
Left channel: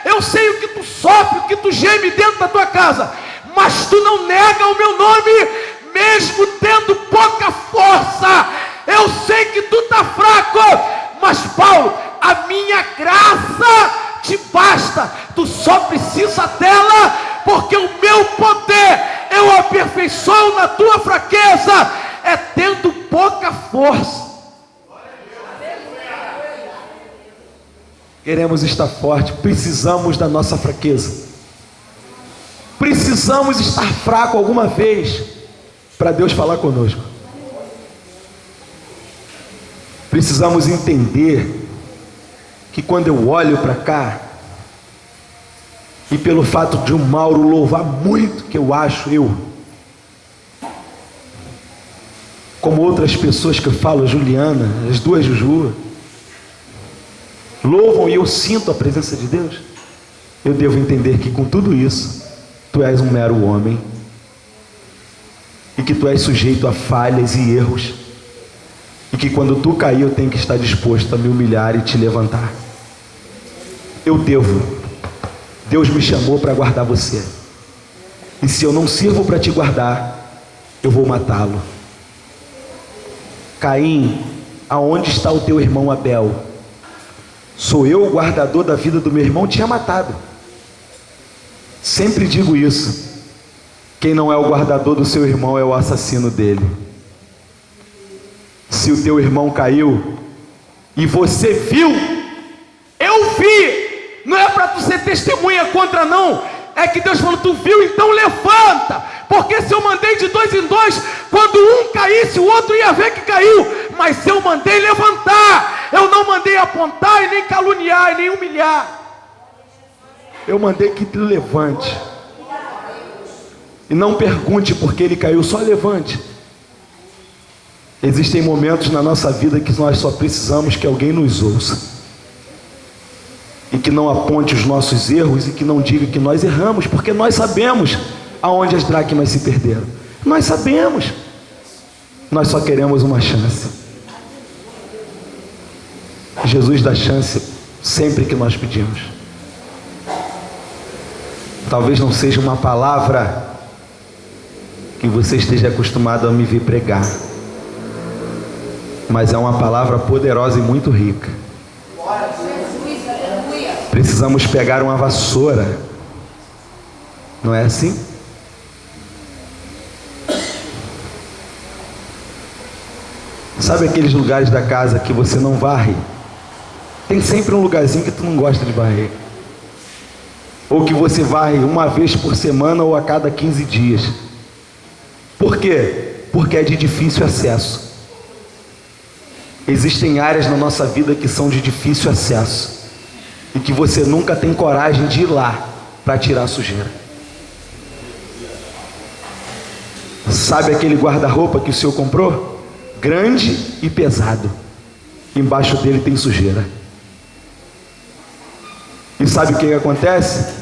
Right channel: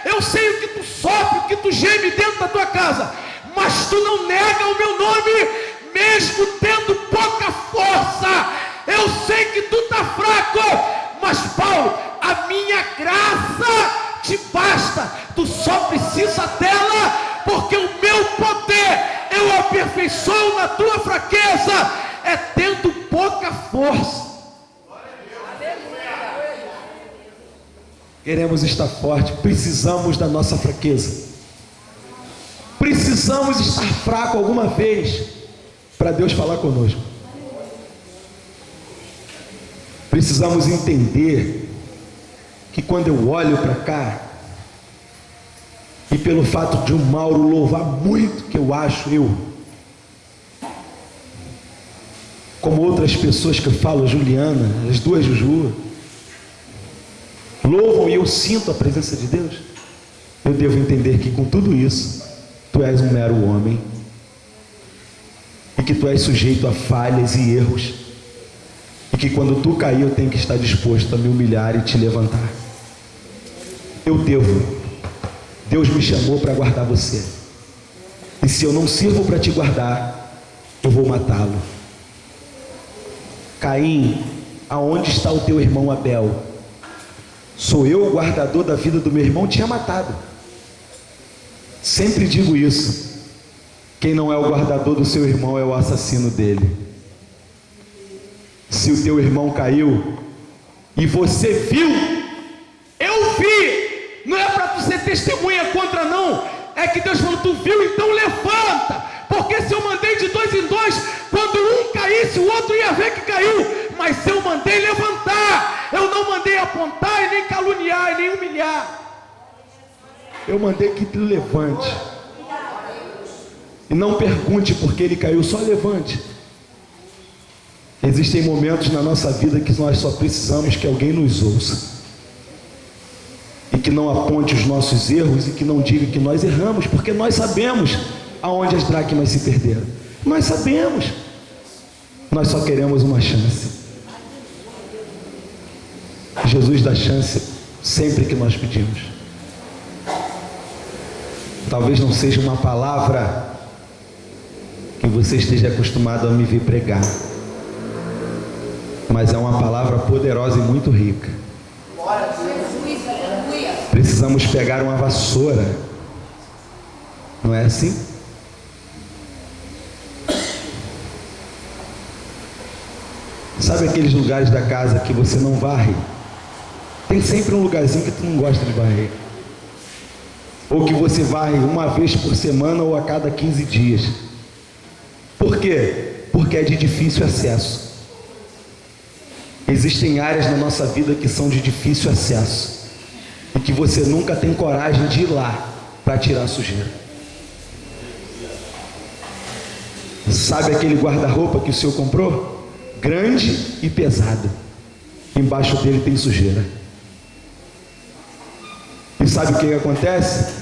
eu sei o que tu sofre, o que tu geme dentro da tua casa, mas tu não nega o meu nome, mesmo tendo pouca força. Eu sei que tu está fraco, mas Paulo, a minha graça te basta. Tu só precisa dela, porque o meu poder eu aperfeiçoo na tua fraqueza. É tendo pouca força. Queremos estar forte, precisamos da nossa fraqueza. Precisamos estar fraco alguma vez para Deus falar conosco. Precisamos entender que quando eu olho para cá, e pelo fato de o Mauro louvar muito, que eu acho, como outras pessoas que eu falo, Juliana, as duas Juju, louvam e eu sinto a presença de Deus, eu devo entender que com tudo isso, tu és um mero homem, e que tu és sujeito a falhas e erros, e que quando tu cair eu tenho que estar disposto a me humilhar e te levantar. Deus me chamou para guardar você, e se eu não sirvo para te guardar, eu vou matá-lo. Caim, aonde está o teu irmão Abel? Sou eu o guardador da vida do meu irmão? Tinha matado. Sempre digo isso: quem não é o guardador do seu irmão é o assassino dele. Se o teu irmão caiu e você viu, eu vi. Não é para tu ser testemunha contra, não. É que Deus falou: tu viu, então levanta. Porque se eu mandei de 2 em 2, quando um caísse, o outro ia ver que caiu. Mas eu mandei levantar. Eu não mandei apontar e nem caluniar e nem humilhar. Eu mandei que te levante. E não pergunte por que ele caiu, só levante. Existem momentos na nossa vida que nós só precisamos que alguém nos ouça, e que não aponte os nossos erros, e que não diga que nós erramos, porque nós sabemos aonde as dracmas se perderam. Nós sabemos. Nós só queremos uma chance. Jesus dá chance sempre que nós pedimos. Talvez não seja uma palavra que você esteja acostumado a me ver pregar, mas é uma palavra poderosa e muito rica. Precisamos pegar uma vassoura, não é assim? Sabe aqueles lugares da casa que você não varre? Tem sempre um lugarzinho que tu não gosta de varrer, ou que você varre uma vez por semana ou a cada 15 dias. Por quê? Porque é de difícil acesso. Existem áreas na nossa vida que são de difícil acesso, e que você nunca tem coragem de ir lá para tirar a sujeira. Sabe aquele guarda-roupa que o senhor comprou? Grande e pesado. Embaixo dele tem sujeira. E sabe o que acontece?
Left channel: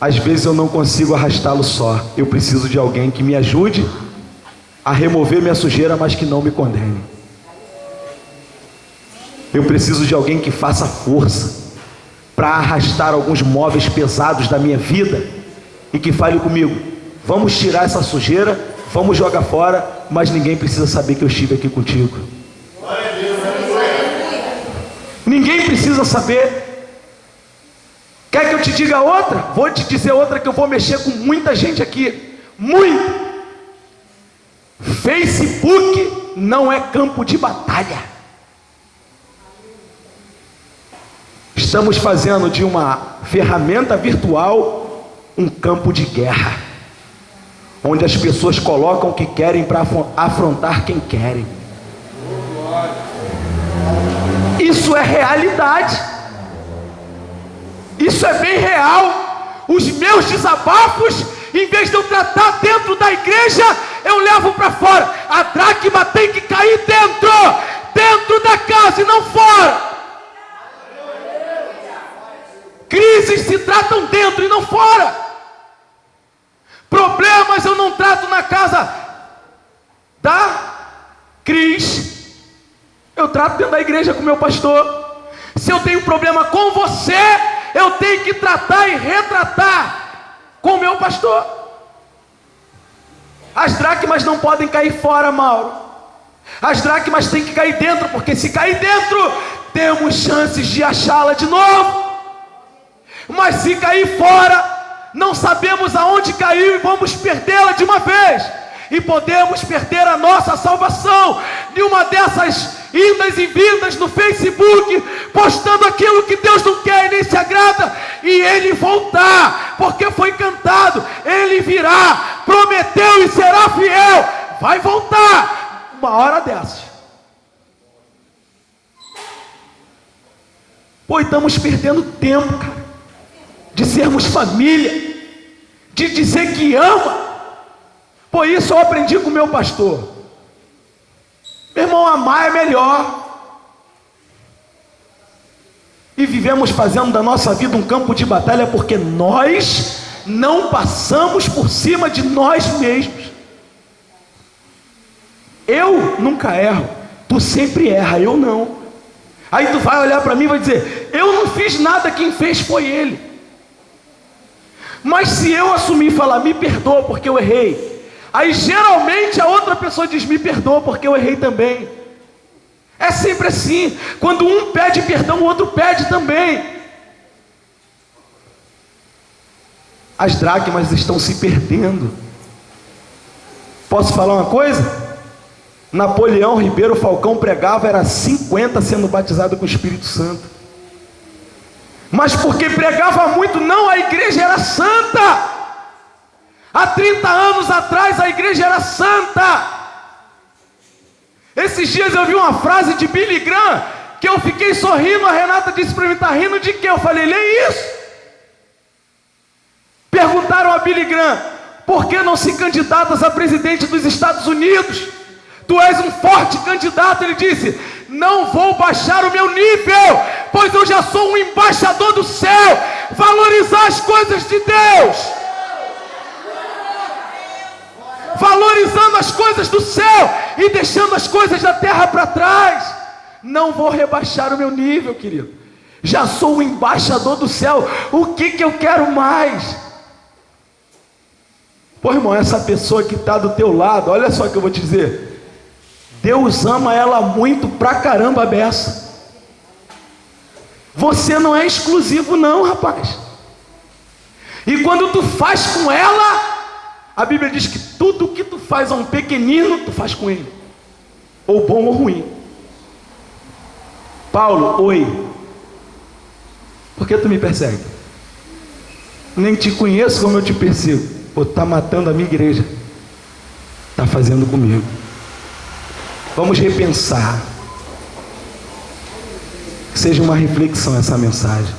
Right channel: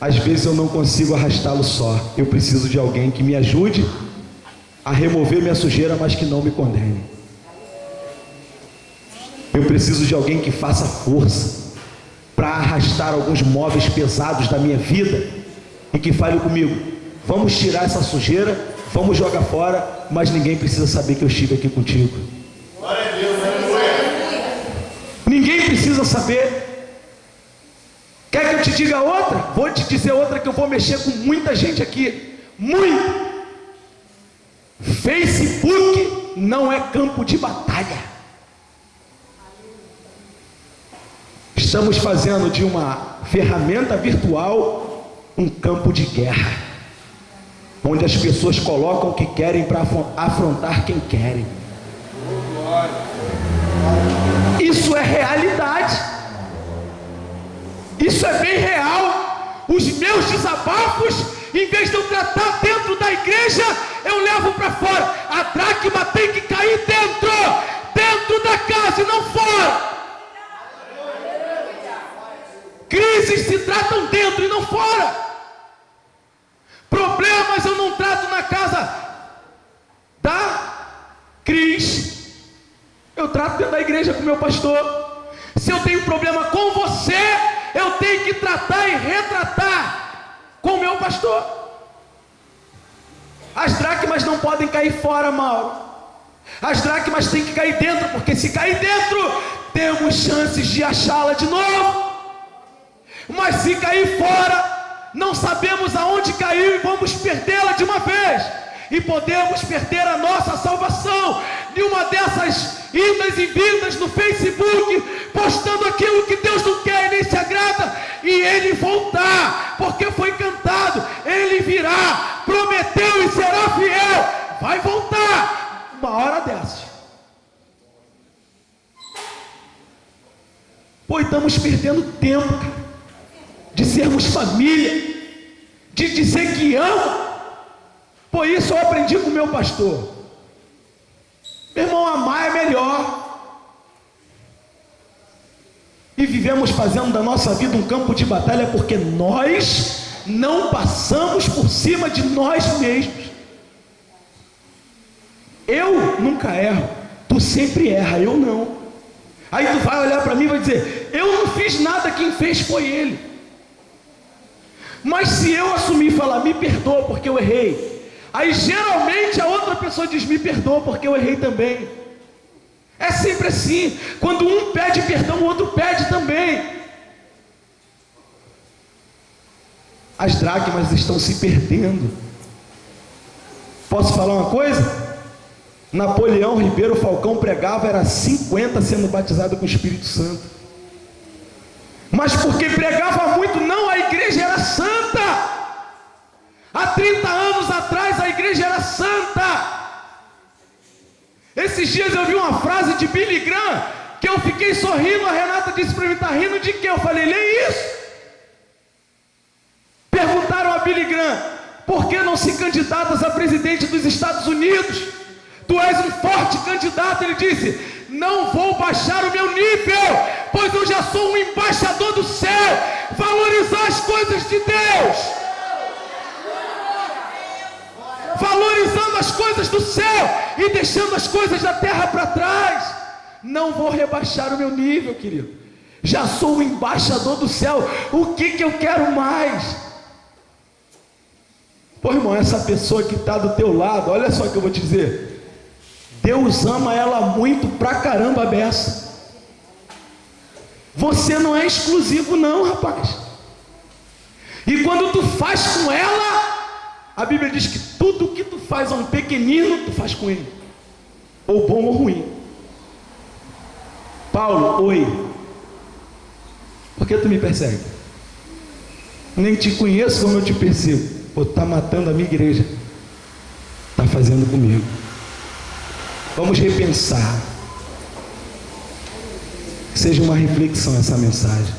Às vezes eu não consigo arrastá-lo só. Eu preciso de alguém que me ajude a remover minha sujeira, mas que não me condene. Eu preciso de alguém que faça força para arrastar alguns móveis pesados da minha vida, e que fale comigo: vamos tirar essa sujeira, vamos jogar fora, mas ninguém precisa saber que eu estive aqui contigo. Ninguém precisa saber. Quer que eu te diga outra? Vou te dizer outra que eu vou mexer com muita gente aqui. Muito. Facebook não é campo de batalha. Estamos fazendo de uma ferramenta virtual um campo de guerra, onde as pessoas colocam o que querem para afrontar quem querem. Isso é realidade. Isso é bem real. Os meus desabafos, em vez de eu tratar dentro da igreja, eu levo para fora. A dracma tem que cair dentro da casa e não fora. Crises se tratam dentro e não fora. Problemas eu não trato na casa da Cris, eu trato dentro da igreja com o meu pastor. Se eu tenho problema com você, eu tenho que tratar e retratar com o meu pastor. As dracmas não podem cair fora, Mauro. As dracmas têm que cair dentro, porque se cair dentro, temos chances de achá-la de novo. Mas se cair fora, não sabemos aonde caiu e vamos perdê-la de uma vez. E podemos perder a nossa salvação de uma dessas idas e vindas no Facebook, postando aquilo que Deus não quer e nem se agrada, e Ele voltar, porque foi cantado, Ele virá, prometeu e será fiel, vai voltar, uma hora dessas. Pô, estamos perdendo tempo, cara, de sermos família, de dizer que ama. Por isso eu aprendi com o meu pastor. Meu irmão, amar é melhor. E vivemos fazendo da nossa vida um campo de batalha, porque nós não passamos por cima de nós mesmos. Eu nunca erro, tu sempre erra, eu não. Aí tu vai olhar para mim e vai dizer, eu não fiz nada, quem fez foi ele. Mas se eu assumir e falar, me perdoa porque eu errei, aí geralmente a outra pessoa diz, me perdoa porque eu errei também. É sempre assim, quando um pede perdão, o outro pede também. As dracmas estão se perdendo. Posso falar uma coisa? Napoleão Ribeiro Falcão pregava, era 50 sendo batizado com o Espírito Santo. Mas porque pregava muito, não, a igreja era santa. Há 30 anos atrás a igreja era santa. Esses dias eu vi uma frase de Billy Graham, que eu fiquei sorrindo, a Renata disse para mim, está rindo de quê? Eu falei, lê isso. Perguntaram a Billy Graham, por que não se candidatas a presidente dos Estados Unidos? Tu és um forte candidato. Ele disse, não vou baixar o meu nível, pois eu já sou um embaixador do céu. Valorizar as coisas de Deus, valorizando as coisas do céu e deixando as coisas da terra para trás. Não vou rebaixar o meu nível, querido. Já sou o embaixador do céu. O que eu quero mais? Pô, irmão, essa pessoa que está do teu lado, olha só o que eu vou te dizer. Deus ama ela muito pra caramba, beça. Você não é exclusivo não, rapaz. E quando tu faz com ela, a Bíblia diz que tudo o que tu faz a um pequenino, tu faz com ele, ou bom ou ruim. Paulo, oi. Por que tu me persegue? Nem te conheço como eu te persigo. Pô, tá matando a minha igreja, tá fazendo comigo. Vamos repensar. Que seja uma reflexão essa mensagem.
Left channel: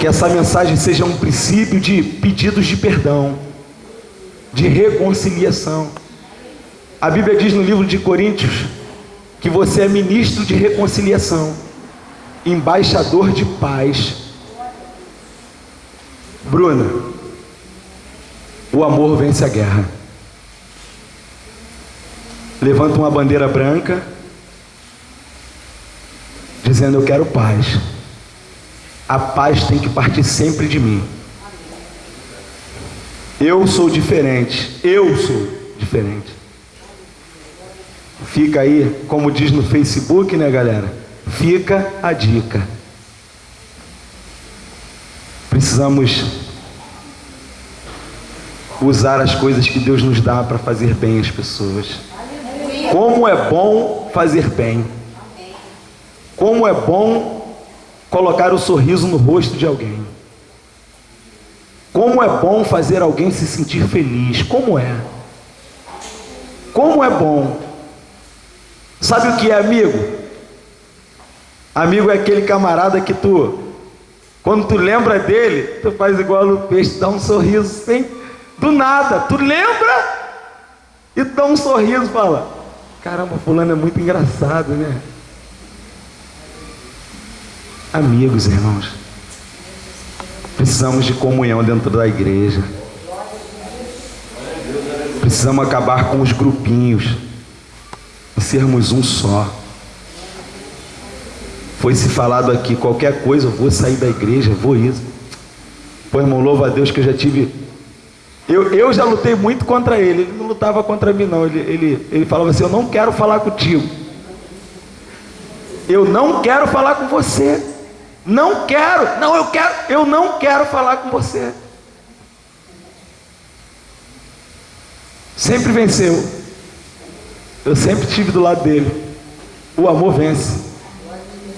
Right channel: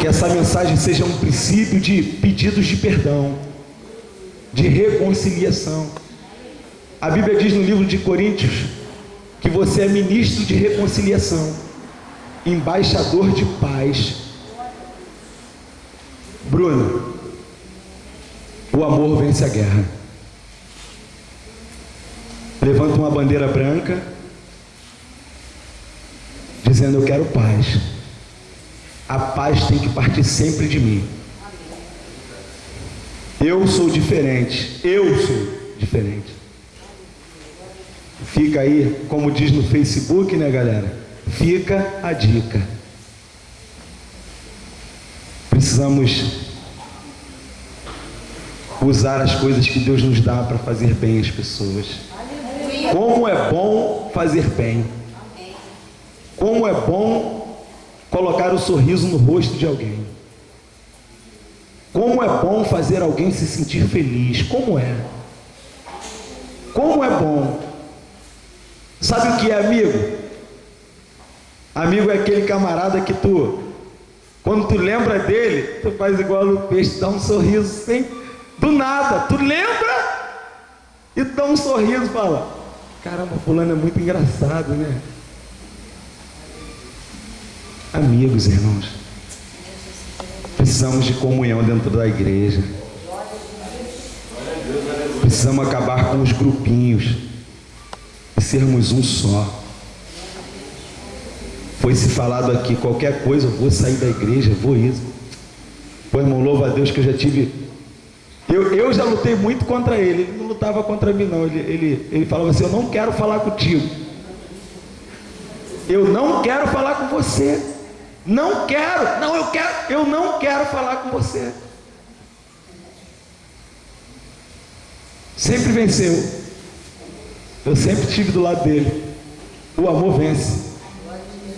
Que essa mensagem seja um princípio de pedidos de perdão, de reconciliação. A Bíblia diz no livro de Coríntios que você é ministro de reconciliação, embaixador de paz. Bruna, o amor vence a guerra. Levanta uma bandeira branca, dizendo, eu quero paz. A paz tem que partir sempre de mim. Eu sou diferente. Eu sou diferente. Fica aí, como diz no Facebook, né, galera? Fica a dica. Precisamos usar as coisas que Deus nos dá para fazer bem às pessoas. Como é bom fazer bem. Como é bom colocar o sorriso no rosto de alguém. Como é bom fazer alguém se sentir feliz. Como é? Como é bom. Sabe o que é amigo? Amigo é aquele camarada que quando tu lembra dele, tu faz igual o peixe, dá um sorriso sem, do nada. Tu lembra e tu dá um sorriso e fala, caramba, fulano é muito engraçado, né? Amigos, irmãos. Precisamos de comunhão dentro da igreja. Precisamos acabar com os grupinhos e sermos um só. Foi-se falado aqui, qualquer coisa, eu vou sair da igreja, vou isso. Pô, irmão, louva a Deus que eu já tive... Eu já lutei muito contra ele. Ele não lutava contra mim, não. Ele falava assim, eu não quero falar contigo. Eu não quero falar com você. Não quero. Não, eu quero. Eu não quero falar com você. Sempre venceu. Eu sempre estive do lado dele. O amor vence.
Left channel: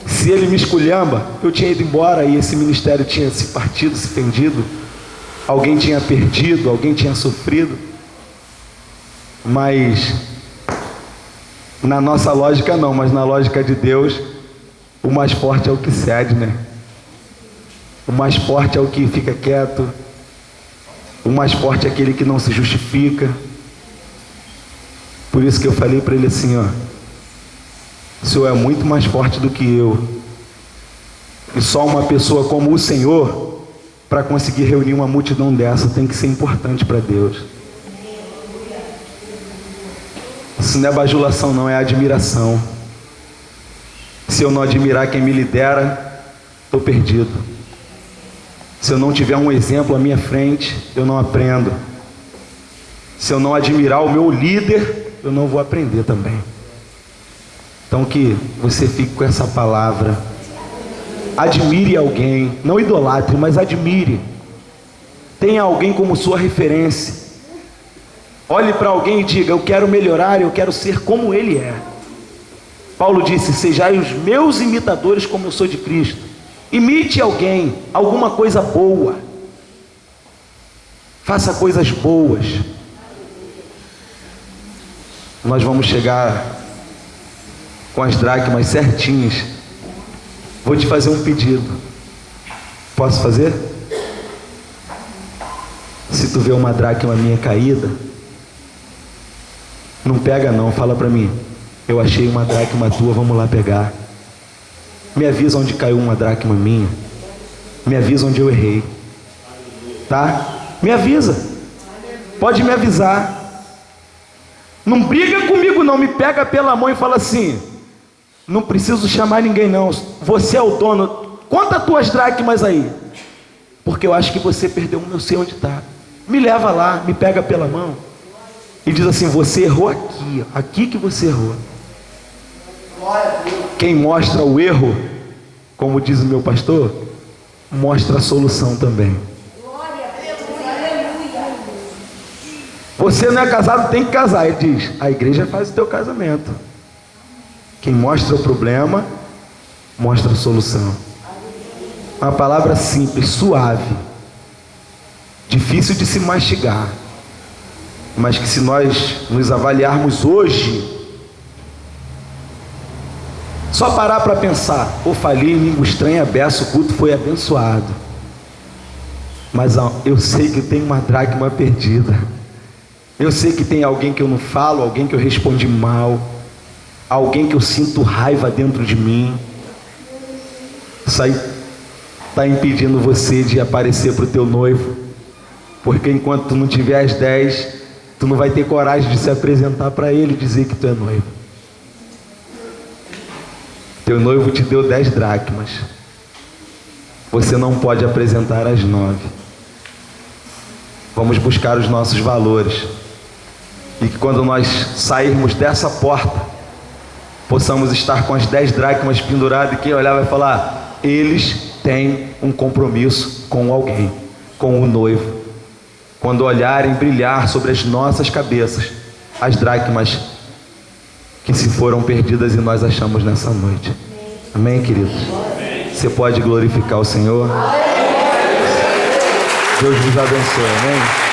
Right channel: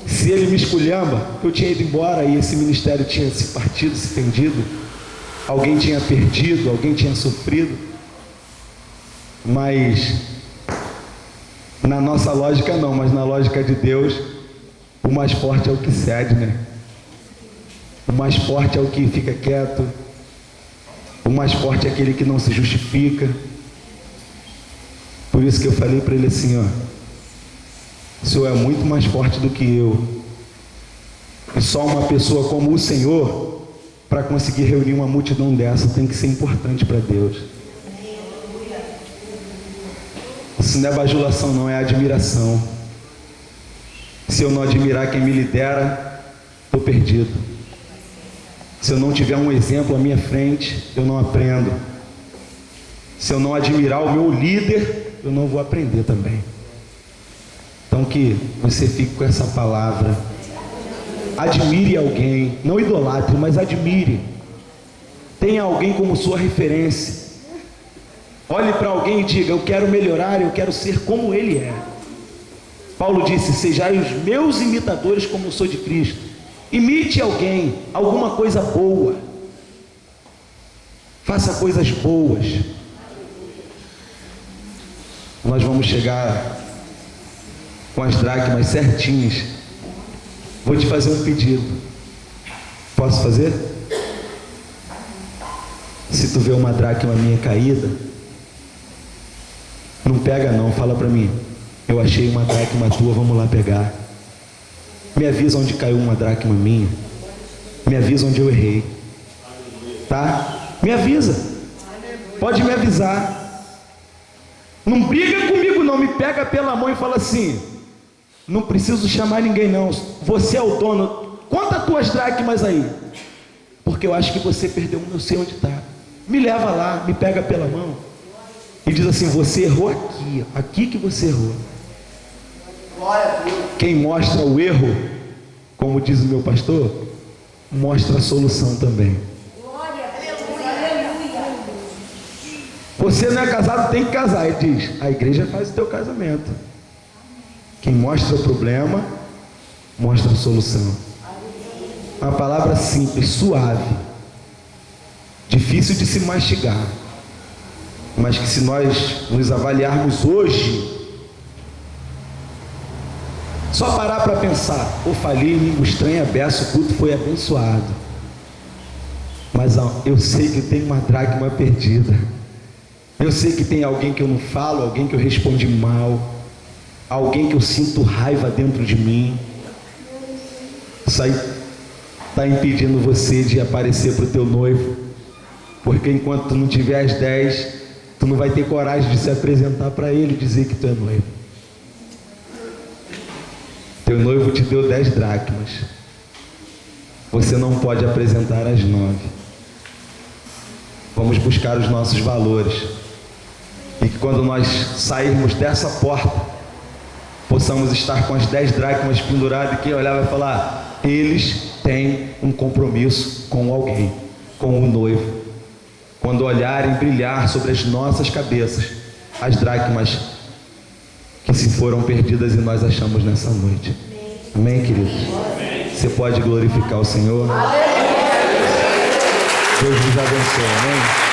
Se ele me esculhamba, eu tinha ido embora e esse ministério tinha se partido, se fendido. Alguém tinha perdido, alguém tinha sofrido. Mas na nossa lógica não, mas na lógica de Deus, o mais forte é o que cede, né? O mais forte é o que fica quieto. O mais forte é aquele que não se justifica. Por isso que eu falei para ele assim, ó, o Senhor é muito mais forte do que eu. E só uma pessoa como o Senhor, para conseguir reunir uma multidão dessa, tem que ser importante para Deus. Isso não é bajulação, não, é admiração. Se eu não admirar quem me lidera, estou perdido. Se eu não tiver um exemplo à minha frente, eu não aprendo. Se eu não admirar o meu líder, eu não vou aprender também. Então que você fique com essa palavra. Admire alguém, não idolatre, mas admire. Tenha alguém como sua referência. Olhe para alguém e diga, eu quero melhorar, eu quero ser como ele é. Paulo disse, sejai os meus imitadores como eu sou de Cristo. Imite alguém, alguma coisa boa. Faça coisas boas. Nós vamos chegar com as dracmas certinhas. Vou te fazer um pedido. Posso fazer? Se tu vê uma dracma minha caída, não pega não, fala para mim. Eu achei uma dracma tua, vamos lá pegar. Me avisa onde caiu uma dracma minha. Me avisa onde eu errei. Tá? Me avisa. Pode me avisar. Não briga comigo não, me pega pela mão e fala assim, não preciso chamar ninguém não, você é o dono, conta as tuas dracmas aí, porque eu acho que você perdeu uma, eu sei onde está. Me leva lá, me pega pela mão e diz assim, você errou aqui, aqui que você errou. Quem mostra o erro, como diz o meu pastor, mostra a solução também. Você não é casado, tem que casar. Ele diz, a igreja faz o teu casamento. Quem mostra o problema, mostra a solução. Uma palavra simples, suave, difícil de se mastigar, mas que se nós nos avaliarmos hoje, só parar para pensar, ou falei em língua estranha, beça, o culto foi abençoado, mas eu sei que tem uma dracma perdida. Eu sei que tem alguém que eu não falo, alguém que eu respondi mal, alguém que eu sinto raiva dentro de mim. Isso aí está impedindo você de aparecer para o teu noivo, porque enquanto tu não tiver as 10, tu não vai ter coragem de se apresentar para ele e dizer que tu é noivo. Teu noivo te deu 10 dracmas, você não pode apresentar as 9. Vamos buscar os nossos valores. E que quando nós sairmos dessa porta, possamos estar com as 10 dracmas penduradas, e quem olhar vai falar, eles têm um compromisso com alguém, com o noivo. Quando olharem brilhar sobre as nossas cabeças, as dracmas que se foram perdidas e nós achamos nessa noite. Amém, queridos? Você pode glorificar o Senhor? Deus vos abençoe, amém?